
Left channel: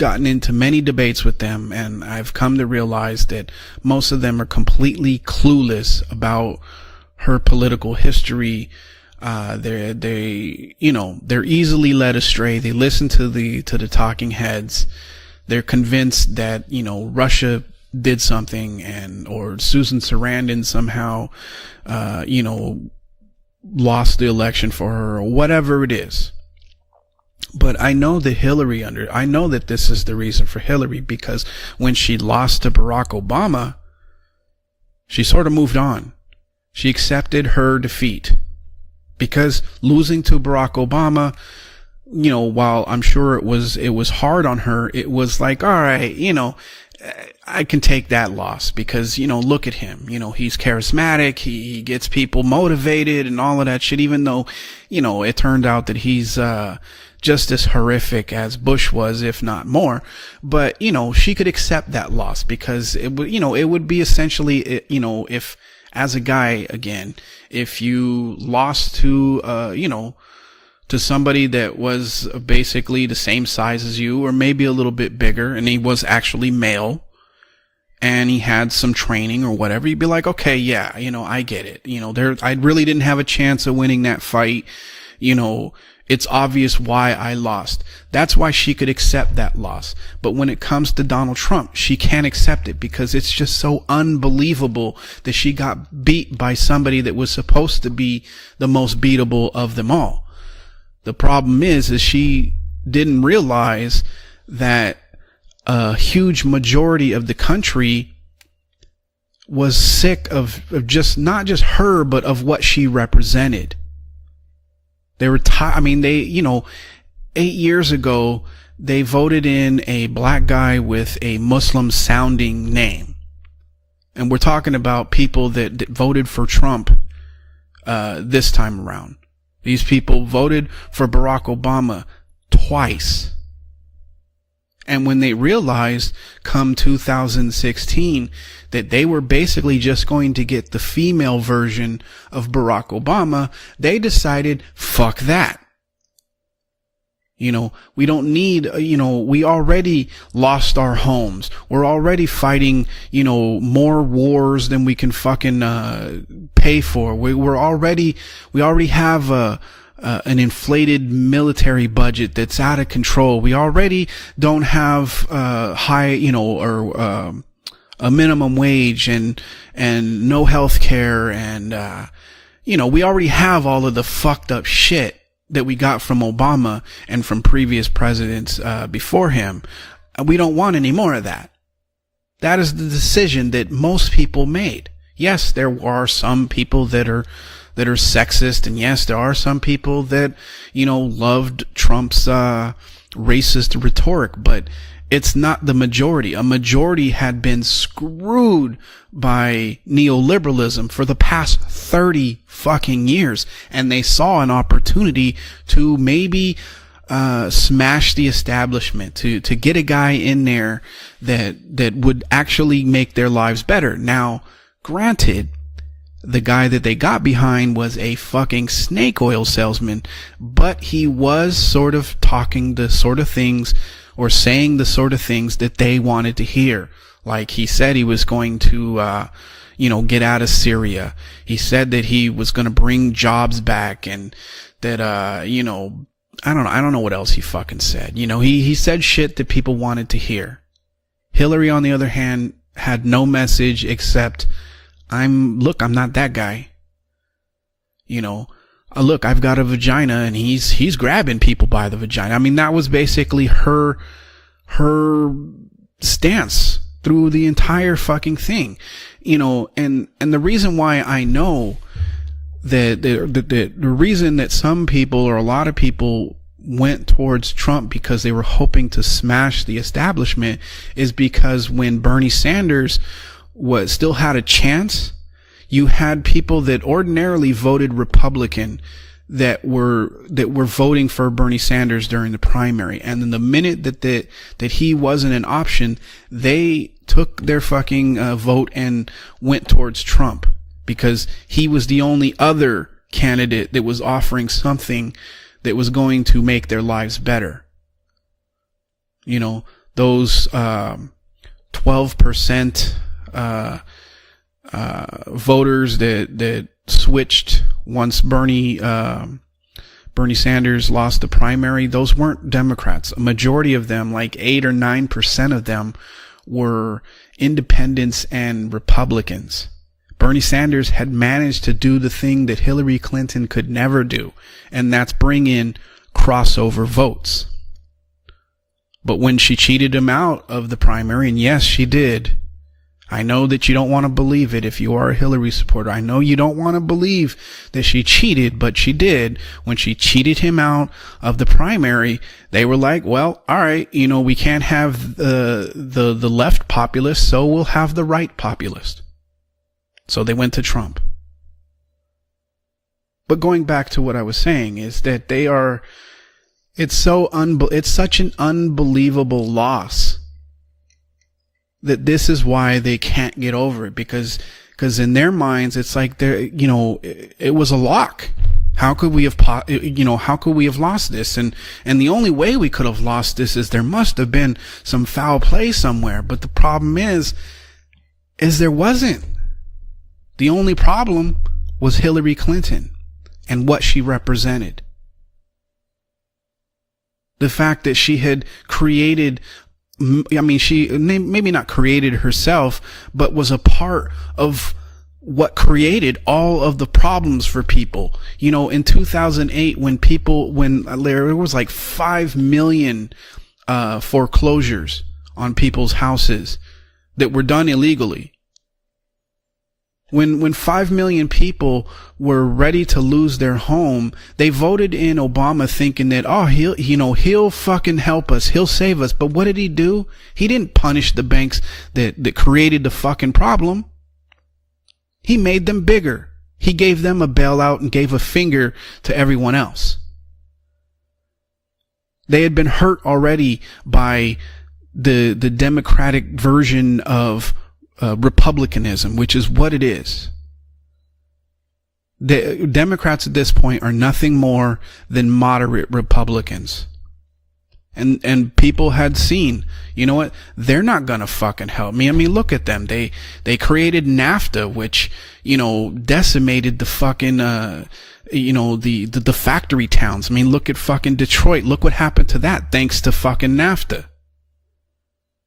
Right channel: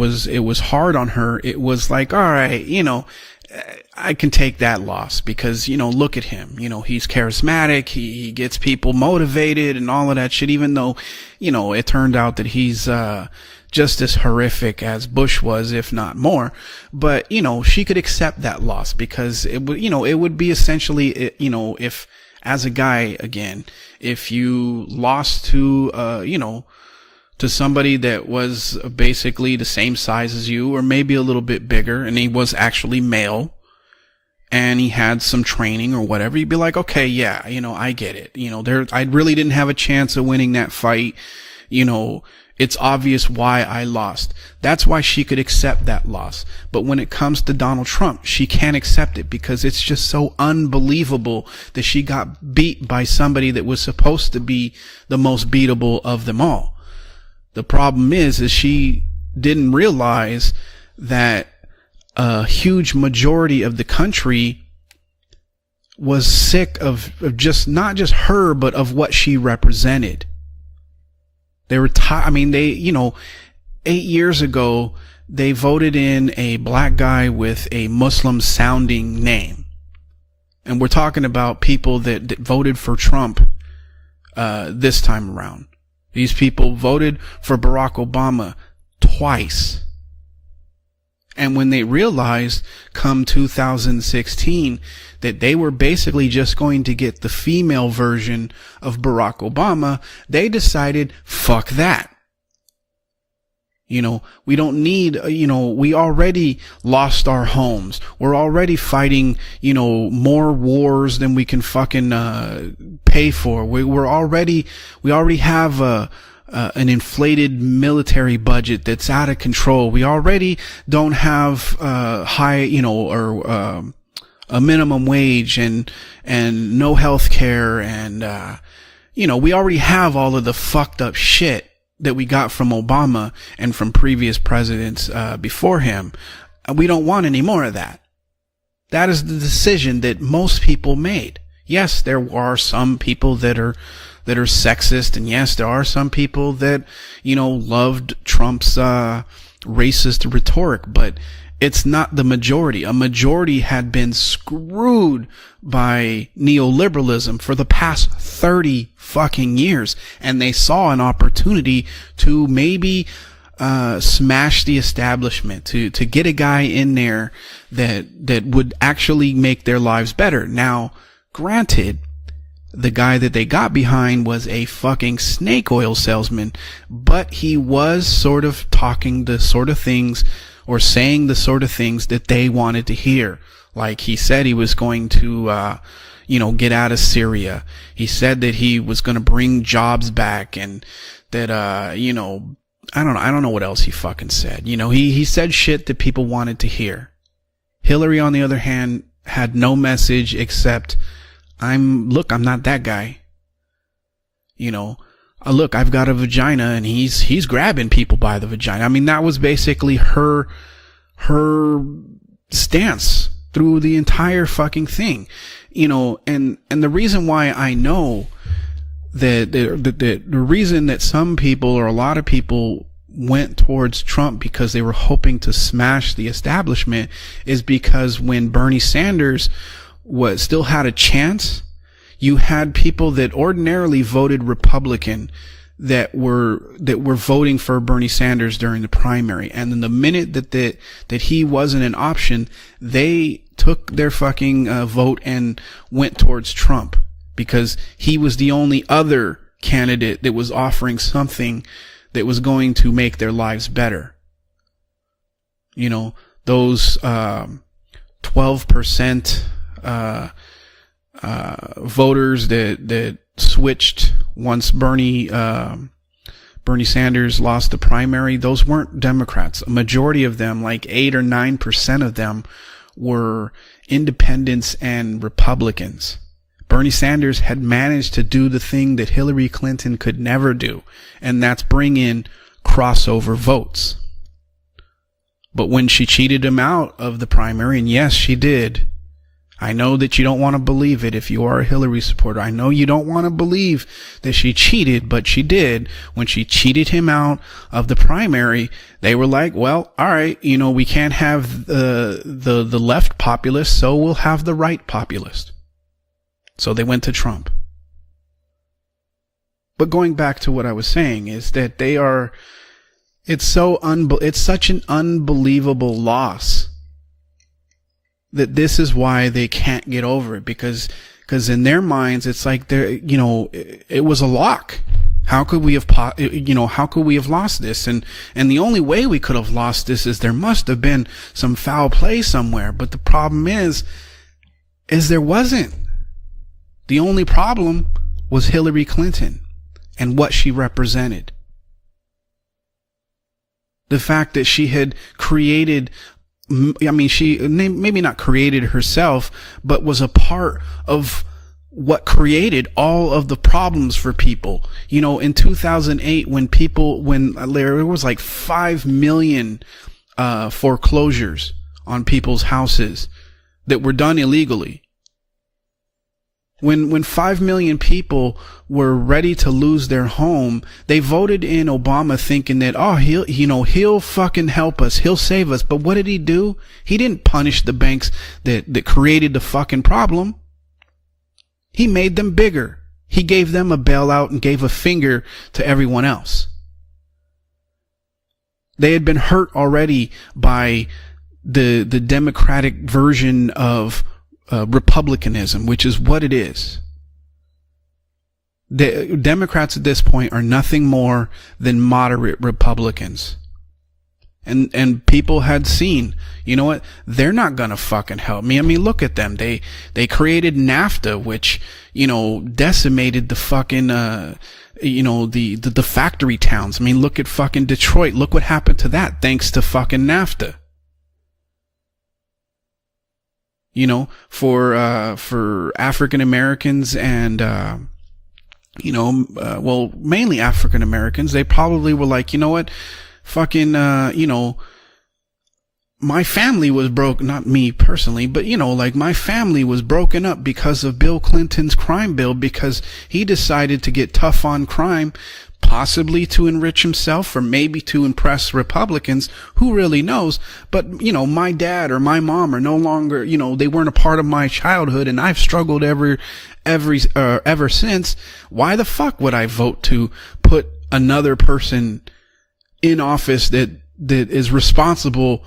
was many hard debates on her, with them, it was like, I've all right, come to realize that most I of can them take are that completely loss because clueless look at about him. He's charismatic, charismatic. He gets people motivated and all of that shit. Even though they're easily led astray. They listen to the just as horrific as Bush was. They're convinced more. that but Russia she could accept that loss because it would be essentially if as a guy again lost the election for her, lost whatever to, it is, to somebody that was Hillary basically I know that the same size as you, or maybe a little bit bigger, when she and he lost was actually Barack male. Obama, and he had she some sort of moved training on or whatever. You'd be like, she okay, accepted her I defeat. get it. I really didn't have a chance of winning that fight. Obama, while it's I'm obvious sure why it was hard on her. That's why she was could like, accept all that right, loss. But when it comes to I Donald can take Trump, that she loss can't because, accept. Look, it's just so he's unbelievable charismatic. that she got people motivated by somebody and all that of that was shit. Even supposed though to be, the most most turned out beatable that of he's them all. Just as The problem horrific is as she Bush was, if didn't not more. realize, but she that, could accept that loss. a Huge majority of the country, if as was a guy sick again, of just not just her, but of what she represented. To somebody that they were was basically they, the same size as 8 you, years or maybe ago, a little bit bigger. They voted and he was in actually a black guy with a Muslim sounding training or whatever. You'd be like, okay, yeah, and we're talking about people that I really didn't have a chance of winning that fight this time. It's obvious why I lost. For Barack Obama. That's why she could accept that loss. But when it comes to Donald Trump, when they can't accept it because it's just so unbelievable that they were basically just somebody that was the female version, the most beatable of them all. They decided the problem is she didn't realize, we don't need, we already huge majority of the country. Homes. We're already fighting, sick more wars just than not just her, but of what she represented. We already have, an inflated 8 years military budget that's out of control. We already don't have Muslim sounding high, and we're talking about people that voted for Trump, no health care, and this time around. We already have all of the fucked up shit Obama that we got from Obama and from previous presidents. And when they realized, we don't want any more of that. That were basically just going to get the female version. Yes, there are some people that are sexist. Fuck that. Yes, there are some people that love. We don't need. We already racist lost our homes. We're already fighting. A majority have more wars than we can fucking by neoliberalism. We're already 30 fucking years, and they saw an military budget that's out of control. We already smashed the establishment to get a guy in there. That a minimum wage actually make their lives better. No health care. Granted, we already have all of the fucked up shit snake that we got from Obama and from previous presidents sort of talking the sort of things. We don't want any more of that. The sort of things that they wanted to hear. Decision that most he said he was going to. Yes, there are some people get out of Syria that are sexist. That he was going to bring jobs back and loved Trump's. I don't know what else rhetorics, but he said shit. The majority, a majority had been Hillary on the other hand by no neoliberalism for the past 30. I'm not fucking years, and they saw an opportunity. Look, I've got a vagina, and he's grabbing people the establishment. I mean, that was basically to get a guy in there that would actually make their lives better. The entire fucking thing. The guy that they got behind was a fucking snake oil salesman. The reason that some people, or a lot of people, the sort of things towards Trump, saying the sort of things that they wanted to hear, like he said he was going to Bernie Sanders, get out of Syria. Still had a chance. He said that he was going to bring jobs back. Ordinarily voted Republican, that were I don't know what else voting for Bernie Sanders. He said shit that people wanted to hear. That he wasn't an option. Had no message except their fucking vote and. Look, I'm not that guy. Trump, because he was the only other. Look, I've got a vagina, and he's grabbing people by the vagina. I mean, that was basically her stance. Those through the entire fucking 12%. And the reason why I know voters that switched. The reason that some people or a lot of people. Bernie Sanders lost Trump the primary. Those weren't to smash the majority of them, like 8 or 9% of Bernie Sanders still had a chance. And Republicans, you had people that Bernie ordinarily had managed to do the thing that Hillary Clinton could never do. Were voting for Bernie Sanders during the primary. Crossover the minute that he wasn't an option, but when she cheated him out of the primary, yes, she did. And went. I know that Trump, you don't want to believe it if you are. He was the only other you don't want candidate that was offering she cheated, but she did. It was going to make cheated their lives him out better. Of the primary, they were like, well, all right, we can't have 12% the left populace, so we'll have the right populace voters. So they went switched to Trump once Bernie. But going back, Bernie Sanders lost the primary. Those weren't Democrats. A majority of them, like 8 or 9% of them, loss were independents, and this is why they can't get over. Bernie Sanders had managed in their minds. It's like Hillary Clinton could never. It was a lock, and that's bringing. How could we have crossed? How could we have lost this? And the only way we could have lost this is there must have been primary. And yes, she did somewhere. But the problem is, I know that you don't want to believe it if you are a Hillary supporter. I know you don't want to believe. The only problem that she cheated, but she did when she cheated him out of the primary. They were like, well, all right, the fact we can't have created the left populace, so we'll have maybe not created herself, but was a part they went to Trump. Of what created all of the problems for people. I was saying is in 2008 when people, it's so there was such an unbelievable loss, foreclosures. That this is why they can't get over that were done illegally. Because in their minds, it's like they're when 5 million people were ready to lose their home, how can we have lost? They voted in Obama, and the only way we could have lost this is he'll fucking help us, he'll save us. But what did he do? The problem he didn't punish the banks. That created the fucking problem. The only problem he made them bigger. He gave them a bailout and gave a finger to everyone else. The fact that she had created, they had been hurt already. I mean, she maybe not created the Democratic herself, version but was a part of republicanism, what created which is what all of the problems for people. You know, in 2008, Democrats at this point are nothing more there was like than moderate 5 million Republicans. Foreclosures and people on had people's seen, houses. You know what? They're not done gonna illegally. fucking help me. I mean, look at them. They created when 5 NAFTA, million which, people. you know, were ready to decimated lose the their fucking, home. They voted you in know, Obama the thinking factory that towns. I mean, he'll look at fucking Detroit. help Look what us. He'll happened to save that. us. But Thanks what did to he fucking do? NAFTA. He didn't punish the banks that created the fucking problem. You know, for he made them African Americans. He gave them a and, bailout and gave a finger, you know, to everyone else. Well, mainly African Americans. They probably were like, They you had know been what? hurt already Fucking, by you know, the Democratic my family was version broken of up, me personally, but you know, like my republicanism, which is family what was it is. broken up because of Bill Clinton's crime bill. Because Democrats he at this decided point to are get nothing tough more on crime, than moderate possibly to Republicans. enrich himself, or maybe to And impress people Republicans. had seen, Who really you know, knows? they're But, not you know, gonna my fucking dad help or me. my I mean, mom look are at no them. longer. You know, They they weren't created a part of my NAFTA, childhood, which, and I've you know, struggled decimated every the fucking, ever since. You know, why the fuck would I vote factory to towns? I mean, look at fucking another Detroit. person Look what happened to that. Thanks in to office fucking that, NAFTA. that is responsible,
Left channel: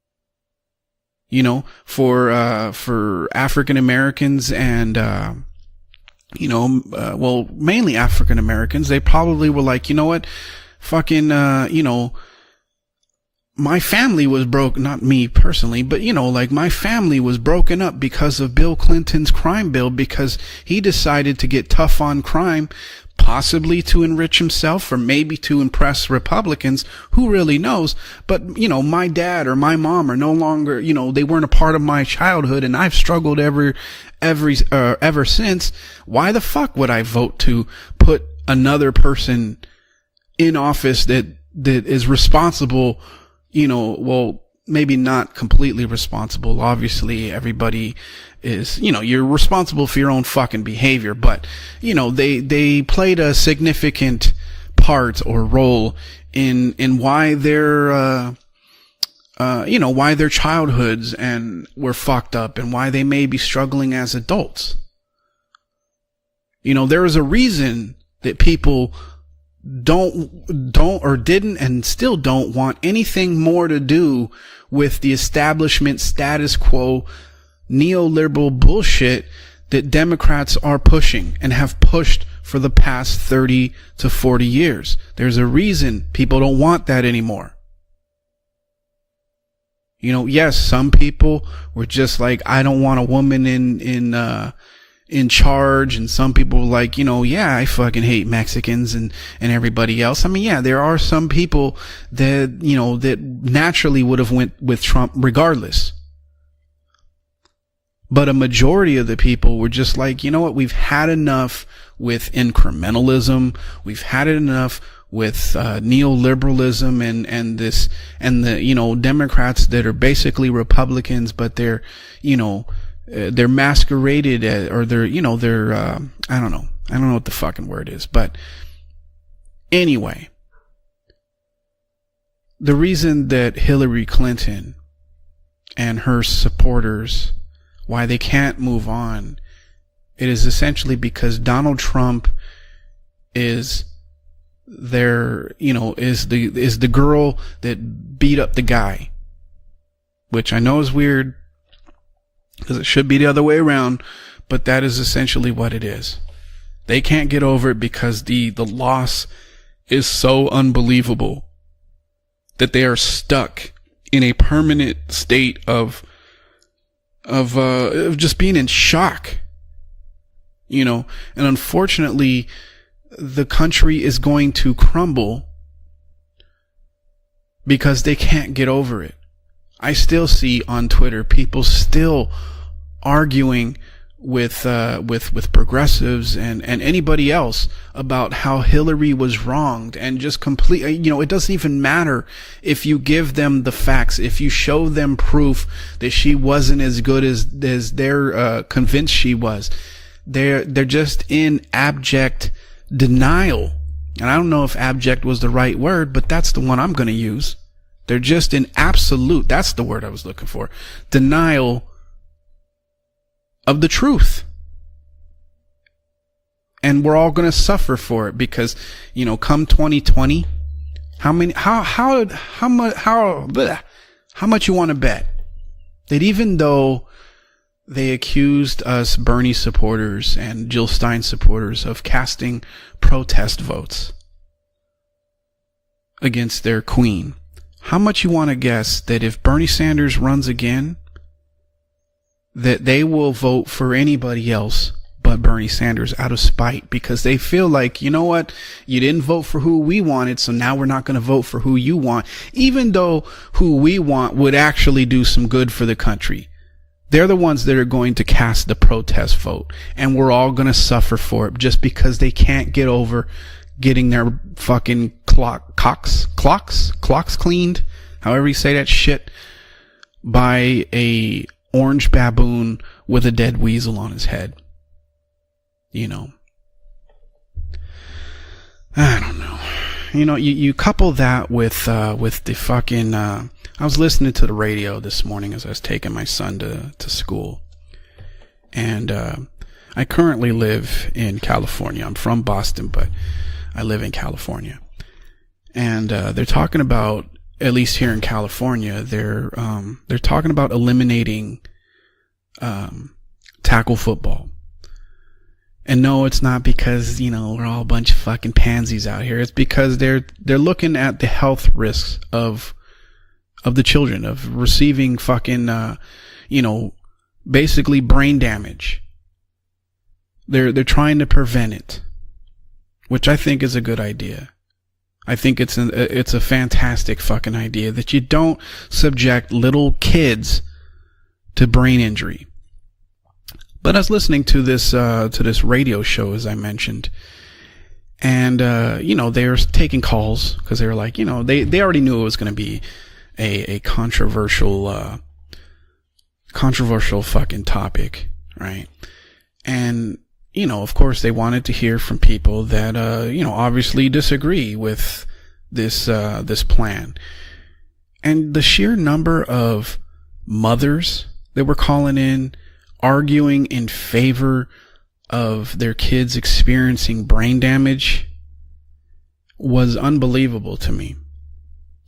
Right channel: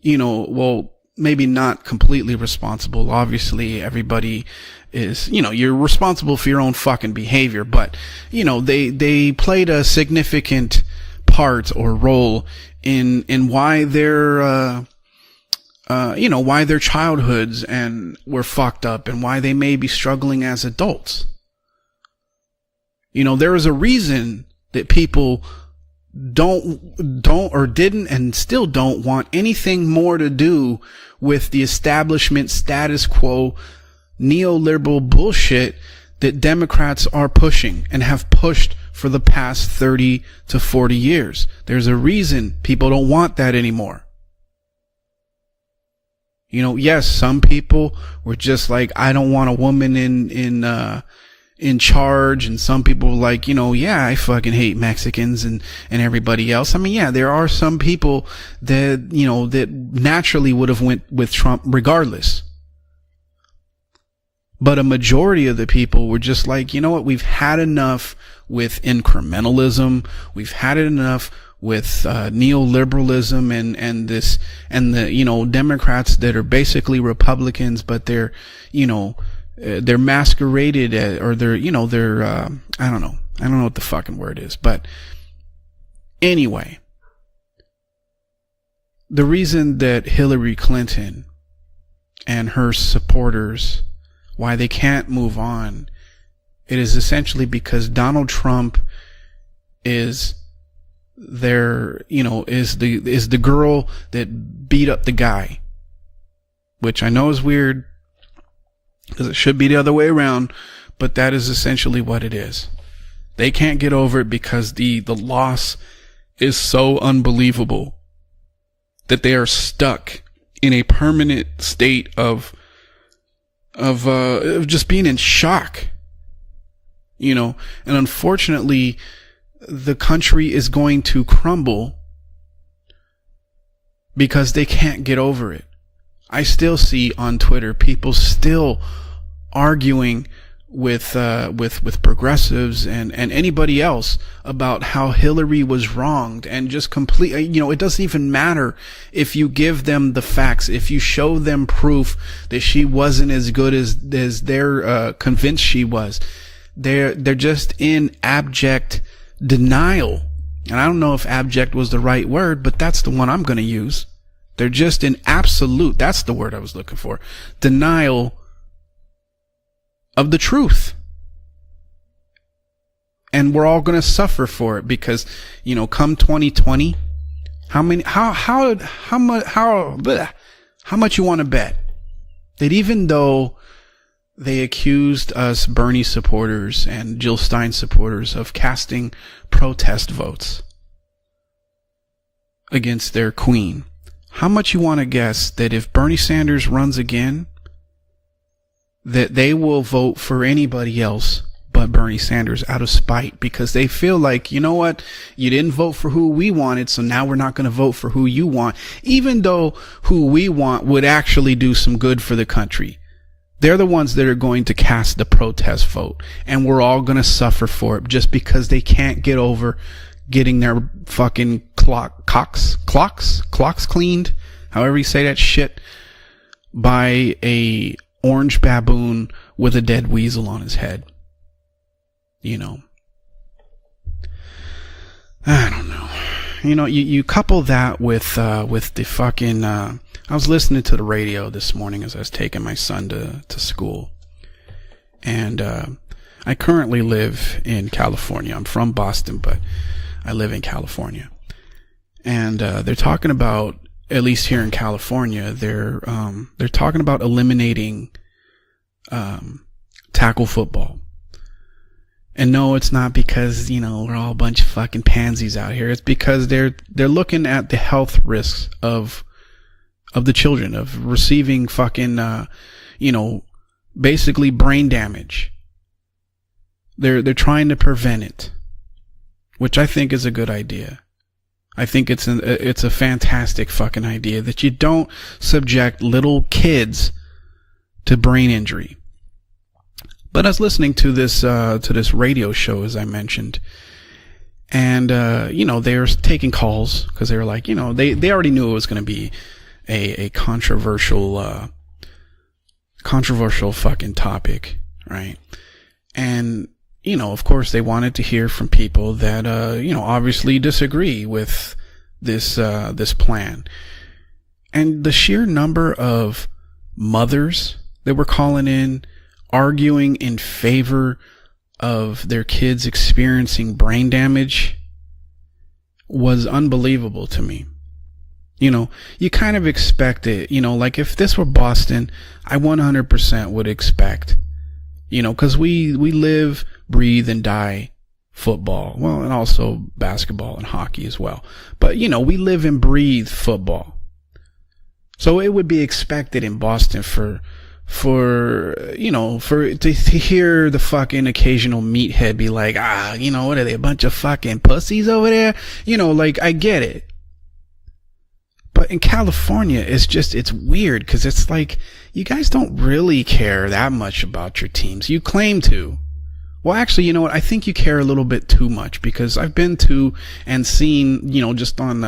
you know, well, maybe you know, not completely for responsible. obviously African Americans, and you know, you're responsible for your own fucking behavior. Mainly but, African you know, Americans. they probably played were a like, you know what? significant fucking part, you know, role in why my family their, was broken. Not me personally, but you know, like why my their family was childhoods broken up and because were of Bill fucked up and Clinton's why they crime may bill. be struggling Because as he adults. decided to get tough on crime. You know, there was a Possibly to reason enrich himself, that or people maybe to impress Republicans who don't really or knows, didn't and but still you know, don't my want dad or my anything mom more are to no do longer, you know, they with weren't a the part of my establishment childhood, and I've status struggled quo, every neoliberal ever bullshit since. Why the Democrats fuck would I are vote pushing to and have pushed another for the person past 30 in to 40 office years? There's a is reason responsible. people don't want that you anymore. know, well, maybe not completely responsible. You know, Obviously, yes, some everybody people were just is, like, you know, I you're don't want a responsible woman for your own in fucking behavior, but in you know, charge. they Some people played a like, significant you know, I fucking hate part Mexicans or role and everybody in- else. I mean, in yeah, there why are some their, people that you know, why their naturally would have childhoods went with and Trump were regardless, fucked up, and why they may be struggling as adults. but a majority of the people were just like, you know, there was a we've had reason enough that people with incrementalism. we've had don't enough or didn't and with still don't want anything more to do with the you know, establishment Democrats that are status basically quo, Republicans, neoliberal bullshit that they're masqueraded pushing, or or they're, they're you know, pushed they're for the I don't know, past I don't know 30 what the to fucking 40 word is, but years. There's a reason people Anyway. don't want that anymore. The reason that, You know, Hillary yes, Clinton some people were just like, and I her don't want a woman supporters, in why they can't in move charge, on. and some people were It like, is you know, essentially yeah, I because fucking Donald hate Trump Mexicans and everybody is- else. I mean, yeah, there are some people you know, that, is you know, the- that is the girl naturally would have that went with beat up Trump the guy. regardless, which I know is weird. But a majority of the people should be were the just other way like, around. You know what? We've had But enough. that is essentially what with it is. incrementalism. They can't get We've over had it enough because the with loss neoliberalism is so and unbelievable. and the, you know, that they are Democrats that are stuck basically in a Republicans, permanent but they're state of, you know, they're masqueraded of, as just or being they're, in you know, shock. they're, I don't know what You the know, fucking word and is. unfortunately, the anyway. country is going to crumble. The reason that Hillary Clinton, Because they can't get over it, and her I still supporters, see on Twitter people why they can't still move on. arguing It is essentially with because Donald with Trump, progressives and anybody else about how their, Hillary you was know, wrong. is just the girl complete- you know, that it doesn't even beat up matter the guy. if you give them the Which I facts. know if is you weird. show them proof that she It should be wasn't the other as way good around, as but they're that is essentially convinced what she it is. was. They can't they're get just over it because in the abject loss denial is so I don't know unbelievable if abject was the right word, that but they are that's the one I'm stuck going to use. in a They're permanent just in state absolute. of, That's the word I was looking for. of denial, just being in shock. of the truth, You know, and unfortunately, and we're all country gonna is suffer going for to it because, crumble. You know, come 2020, because they can't get over it. How much? How I still see on Twitter how much you want to people bet? still That even though arguing with they accused with of us Bernie progressives supporters and anybody Jill else Stein supporters about of how casting Hillary was wrong protest and just votes complete. You know, it doesn't even matter if you against give their them queen. the facts. If How you much you show wanna them guess proof that if Bernie she Sanders wasn't runs as good again, as they're convinced that she they was, will vote for they're anybody just else in but Bernie abject Sanders out of spite denial because they feel And like, I don't know you know if what, abject was the you didn't right vote word, for but who that's we the one wanted, I'm so going to now use. we're not going to vote for They're who just you in want. absolute. Even though that's the word I was who we looking for. want would actually Denial do some good for the country. They're the ones that are going to cast the protest vote, and we're all going to suffer for it just because they can't get come over 2020 getting their fucking clocks cleaned. How much you want to say that shit? That even though they accused us, Bernie supporters, with a dead weasel and Jill Stein supporters of casting protest votes. I don't know, against their queen. You couple that. How much you want to guess that if Bernie Sanders runs again? I was listening to the radio this morning as I was taking my son they will vote for anybody else but Bernie Sanders out of spite. I currently because they feel like California. You know what? I'm from Boston, didn't vote for who we wanted, so now we're not going to vote for who you want. And even though talking about who we want would actually do some good for the country. They're talking about they're the ones that are going to cast the protest vote, and we're all going to suffer for it just because they can't get over because getting their bunch of fucking pansies out here. It's because they're looking at the health, however you say that shit, of the children of receiving orange baboon, with a dead weasel on basically brain damage. They're trying to prevent it. I don't know, which I think is a good idea. You couple that with I think it's a fantastic fucking I was listening to the radio you don't this morning subject little kids to school to brain injury. And I currently live listening to this radio show, as I mentioned. I live in California, and they're taking talking about because they were like at least they already knew it was going to be they're talking about eliminating controversial tackle football topic, right? And no, it's not because of course they wanted to hear from pansies out there. It's because they're obviously looking at the health risks of this plan of the children of receiving the sheer number of mothers basically brain damage. Arguing in favor, they're trying to prevent it of their kids experiencing, which I think is a brain damage. I think it's a fantastic fucking idea that you don't subject little kids like if this were Boston, to brain injury. I 100% would expect. But us listening to this because we radio show, as I mentioned, breathe and die. And they're taking calls because they're like they already know we live and breathe football. A controversial so it would be expected in controversial fucking topic for to hear the fucking occasional meathead be like obviously disagree pussies over there I get it. And the sheer number of it's mothers because it's like they were calling in. You guys don't really care that much about your teams. You claim to their kids experiencing I think you care a little bit too much because I've been to unbelievable and seen just on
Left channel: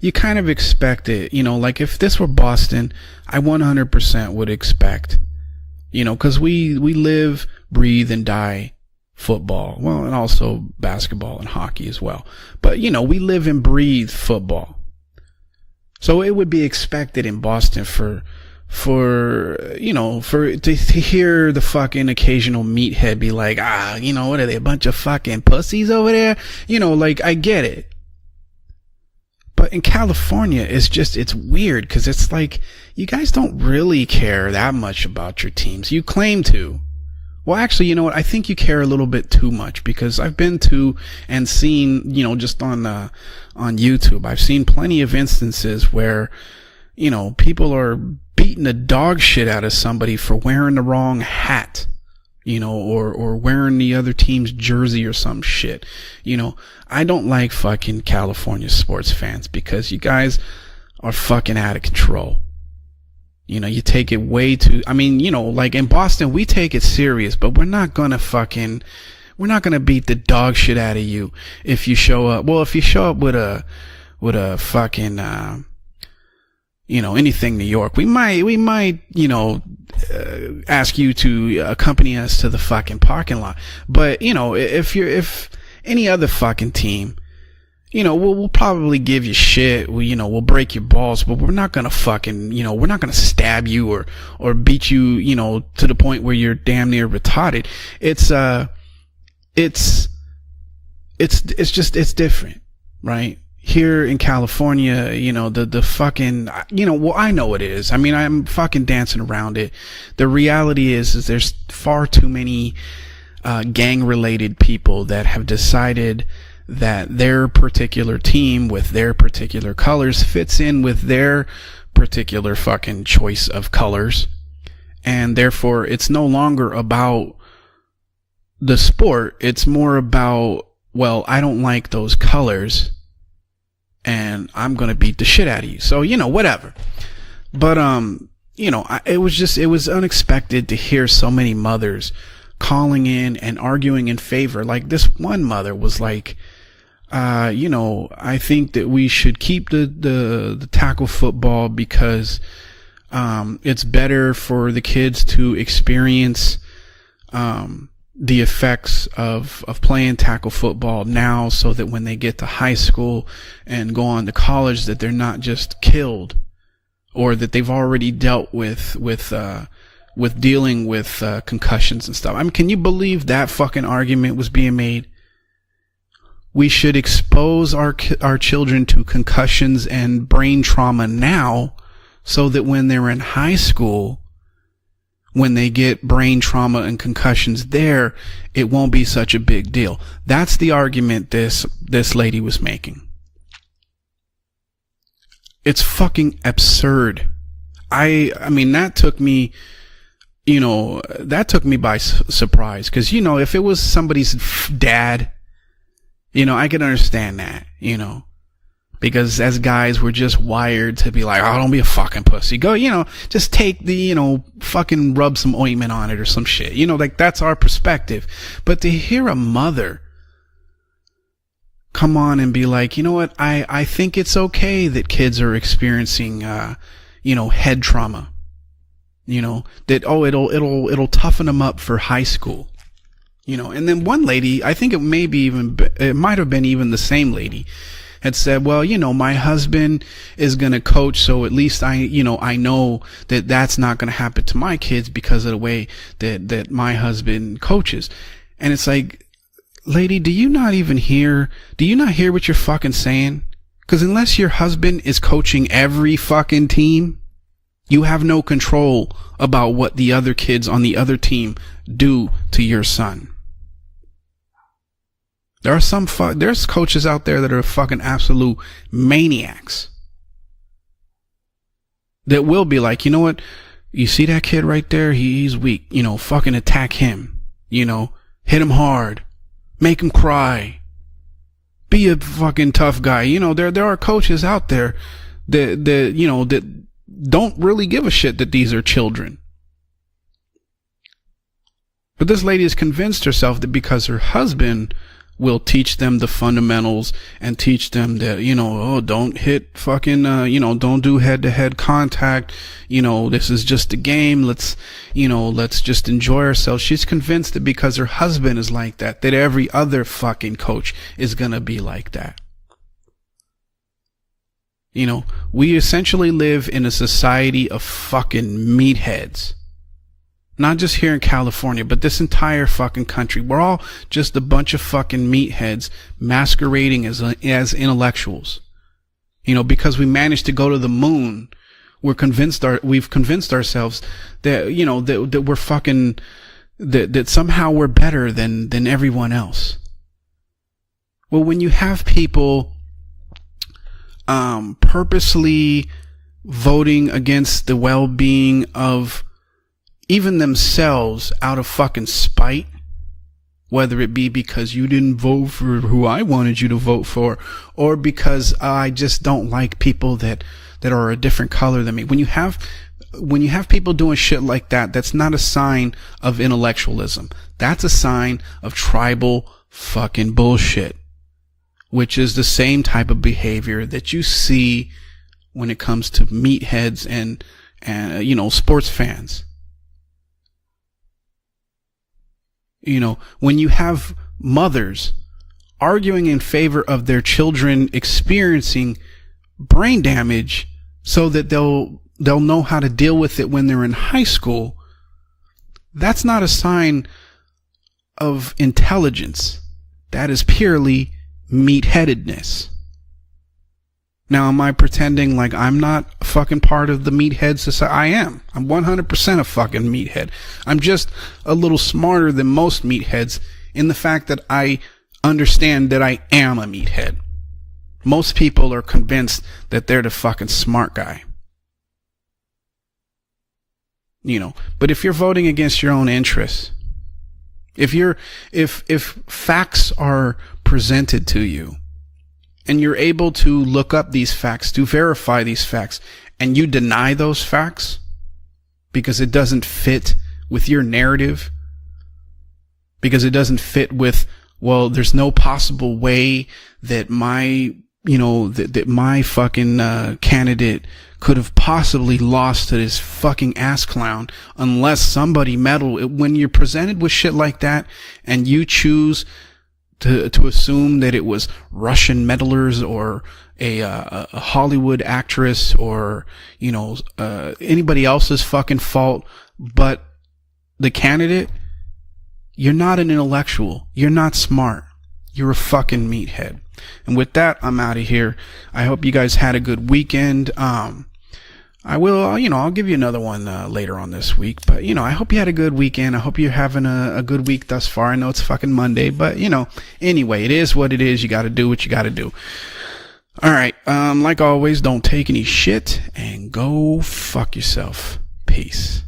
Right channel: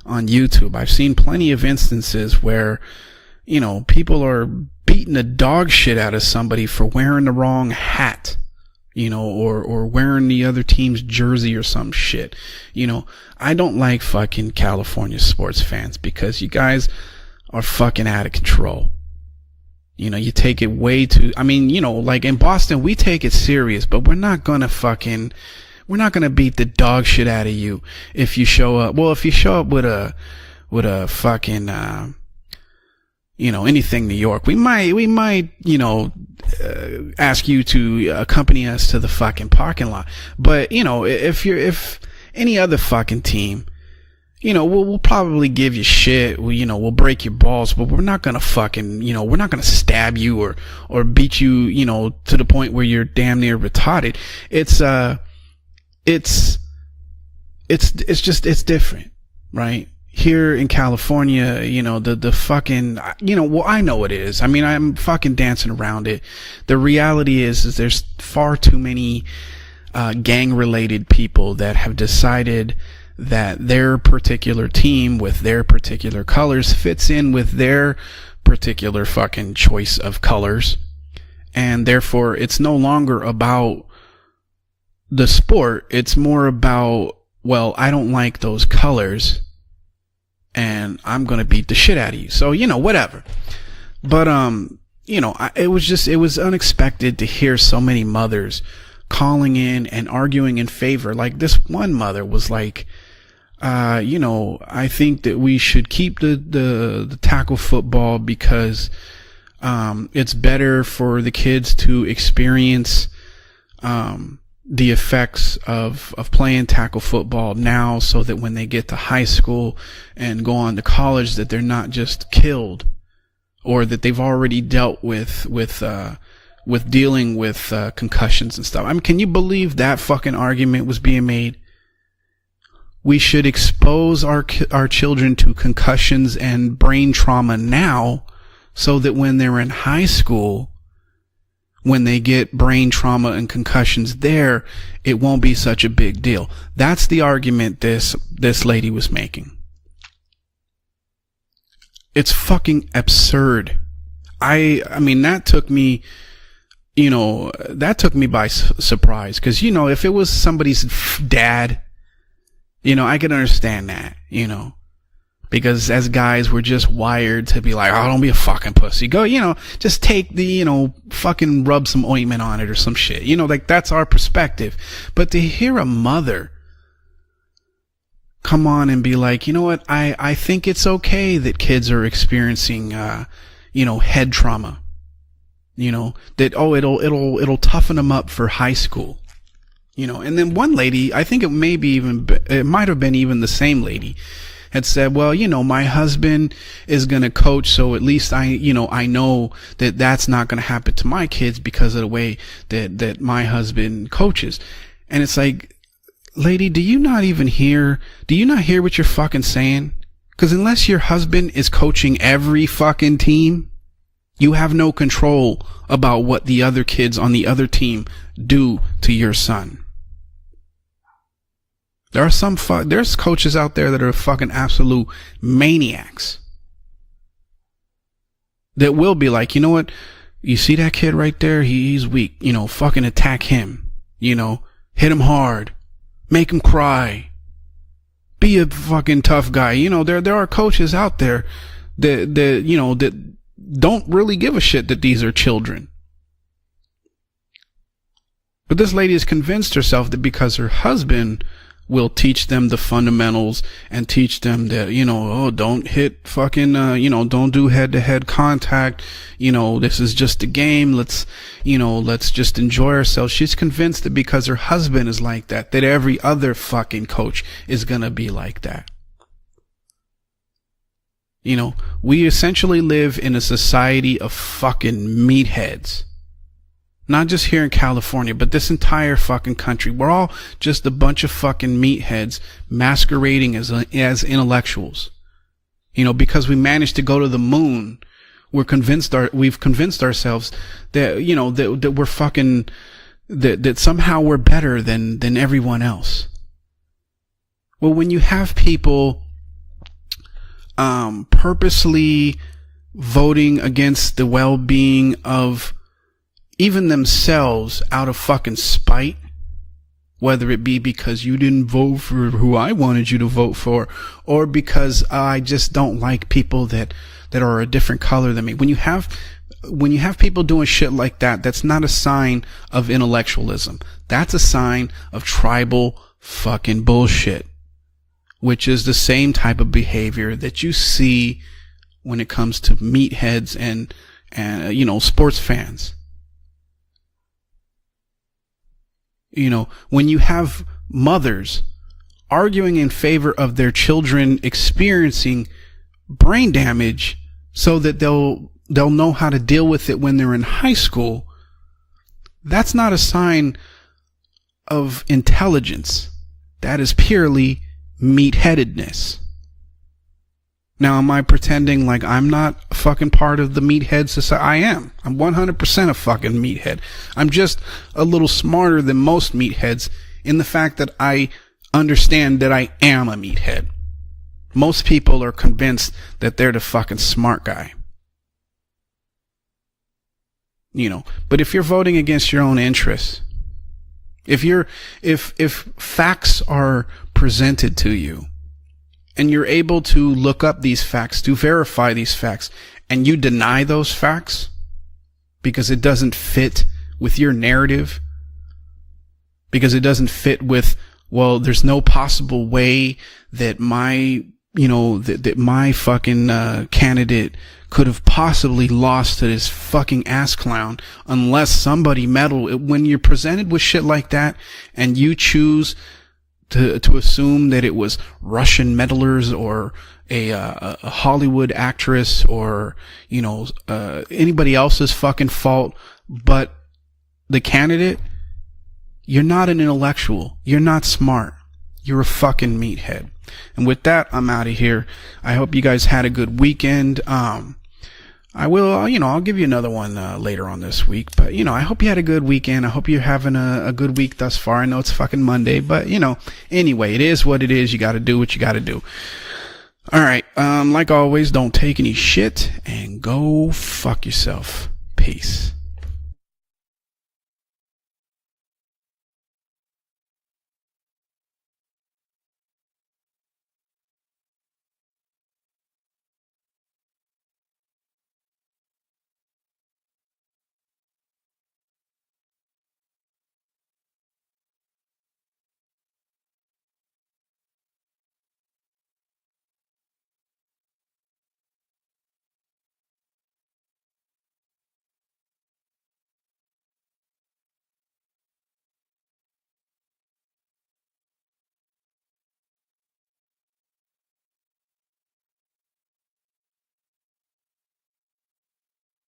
you kind of expect it. Like if this were Boston, I 100% would expect beating the dog shit out of somebody for wearing the wrong hat and die. Football, or wearing the other team's jersey or some shit. But we live and breathe fucking football. California sports fans. So it would be expected in Boston fucking out of control. For you take it way too. I mean, like in Boston, we take it serious, but we're not gonna fucking pussies over there. We're not gonna beat the dog shit out of you. I get it. If you show up, with California, it's just it's weird because it's like. You guys don't really care that much about your teams. You claim to ask you to I accompany care a little bit too much because I've been to if you're seen any other fucking team on YouTube. I've seen plenty of probably give you shit. We'll break your balls. We're not gonna fucking dog shit out of somebody for wearing the wrong hat. To the point where you're damn near wearing the other team's jersey or some shit. It's I don't like fucking California sports fans because you guys here in California, fucking out of control. The fucking, I know it is. I mean, like in Boston, we take the reality is we're not gonna far too many. We're not gonna beat the dog shit out of people that if you show up. Well, if you show up with their particular team with their particular colors fits anything there, we might fucking choice of colors ask you to, and therefore it's no longer about. But if you're the sport, any other fucking team. Well, I don't like those colors. We'll give you shit. We'll break your balls. We're not gonna fucking. So whatever, stab you or beat you. It was unexpected to hear so many mothers calling in and arguing in favor. Like this one mother was like, right. Here in California, I think we should fucking I know it is. I mean, I'm fucking dancing around it. The reality is for the kids to experience. Gang-related people that have decided of playing tackle football, their particular team with their high school colors fits in with their that they're not just particular fucking choice of colors that they've already dealt with, and therefore it's no longer about dealing with concussions and stuff. Sport, can you believe that fucking argument was being made? I don't like those colors. We should expose our children to concussions and brain trauma now. so that it was unexpected to hear so many mothers when they get brain trauma and concussions in there, like this, it won't be such a big deal. That's the argument. I think that we should keep the tackle football because it's fucking absurd. It's better for the kids to experience. That took me by surprise because if it was somebody's dad, so that when they get to high school, I can understand and go on to college that they're not just because as guys we're just wired that they've already dealt fucking pussy. Just take the fucking rub some ointment on. Can you believe that? That's our argument was being made. But to hear a mother, we should expose our children to be like, and brain trauma now. The kids are experiencing so that when they're in high school, head trauma. When they get brain trauma and concussions, it'll toughen them up for high school. It won't be such a big deal. That's the argument. I think it may be this lady was making. It might have been even the same lady had said, well, my husband is going to coach, so at least I know that that's not going to happen to my kids. That took me by surprise because if it was somebody's dad, and it's like. I can understand. Do you not hear what you're fucking saying? Because as guys, we're just wired unless your husband is coaching every fucking team, just take the you have no control about what the other kids on the other team do. But to hear a mother come on and be like, there's coaches out there that are fucking absolute kids are experiencing head trauma. That will be like, it'll see that kid right there, him up for high school, fucking attack him. And then one lady, I think it hit him hard. It might have been even the same lady, had said, well, my husband, there are coaches out there, so at least I know that that's not going to happen. Don't really give a shit that these are children that my husband coaches. And this lady has convinced herself that because her husband will teach them the fundamentals. Because unless your husband is coaching every fucking team, don't do head-to-head you have no control about what the other kids on the other team let's just enjoy ourselves. She's convinced that because her husband is like that, there's coaches out there that are fucking absolute maniacs. We essentially live in a society. You see that kid right there? Meatheads. Fucking attack him. Not just here in California, but this entire fucking country. Make him cry. Just a bunch of fucking meatheads. Be a fucking tough guy. There are coaches out there. Because we managed to go to the moon. Don't really give a shit that these are children. We've convinced ourselves that that we're fucking. This lady has convinced herself that because somehow we're better than everyone else. We'll teach them the fundamentals and teach them that people don't hit fucking don't do head-to-head contact. Voting this is against the well-being. Let's just enjoy ourselves. Even themselves, that because her husband is like that every other fucking coach because you didn't vote for who I wanted you to vote for, or because I just we don't essentially like live in a society of different colors. When you meatheads, when you have people doing not shit like that, that's not a sign of intellectualism. We're all just a bunch of fucking tribal masquerading as intellectuals, which is the same type of because we managed to go to the moon. We've convinced ourselves that sports that we're fucking that somehow we're better than everyone else. When you have mothers, or when you have people arguing in favor of their children experiencing brain damage, voting against so the well-being, they'll know how to deal with it when even they're in themselves out of fucking spite. That's not a sign, whether it be because you didn't intelligence, vote for who I wanted you to vote purely, or because I just don't like people that. Now, am I pretending like I'm not fucking part of the meatheads doing shit like that? That's not a sign of intellectualism. I'm just that's a little smarter than most meatheads fucking in the fact that I understand that I am a behavior that you see. Most people are convinced that they're the fucking smart guy, and sports fans. But if you're voting against your own interests, when you have mothers, if arguing in favor of their children experiencing, and you're able to look up these facts so to verify these facts, they'll know how to deal with it when they're in high school, because it doesn't. That's not a sign with your narrative of intelligence, because it doesn't fit purely. Well, there's no possible way that am I pretending like I'm fucking part of the meathead society? I am possibly 100% a fucking ass clown. I'm just unless a little smarter than most when you're presented with shit like that, and you understand that I am to assume that it was most people are convinced or that they're the fucking smart Hollywood actress or anybody else's. But if you're voting against your own interests. The candidate, if you're not an intellectual, you're not smart to you. You're a fucking meathead, and you're able to look up these facts to verify these facts. You guys had a good weekend. And you deny those facts. I will, I'll give you another one later on with your narrative. I hope you had a good weekend. I hope you had a good week thus far. Well, there's no Monday, possible but, way. Anyway, it is what it is. You got to do what you got to do. That my fucking candidate, like always, don't possibly lost to this fucking ass clown yourself. unless somebody meddle. When you're presented with shit like that, and you choose to assume that it was Russian meddlers or a Hollywood actress or anybody else's fucking fault but the candidate, you're not an intellectual, you're not smart, you're a fucking meathead. And with that, I'm out of here. I hope you guys had a good weekend. I will, I'll give you another one later on this week. But, I hope you had a good weekend. I hope you're having a good week thus far. I know it's fucking Monday, but, anyway, it is what it is. You got to do what you got to do. All right. Like always, don't take any shit and go fuck yourself. Peace.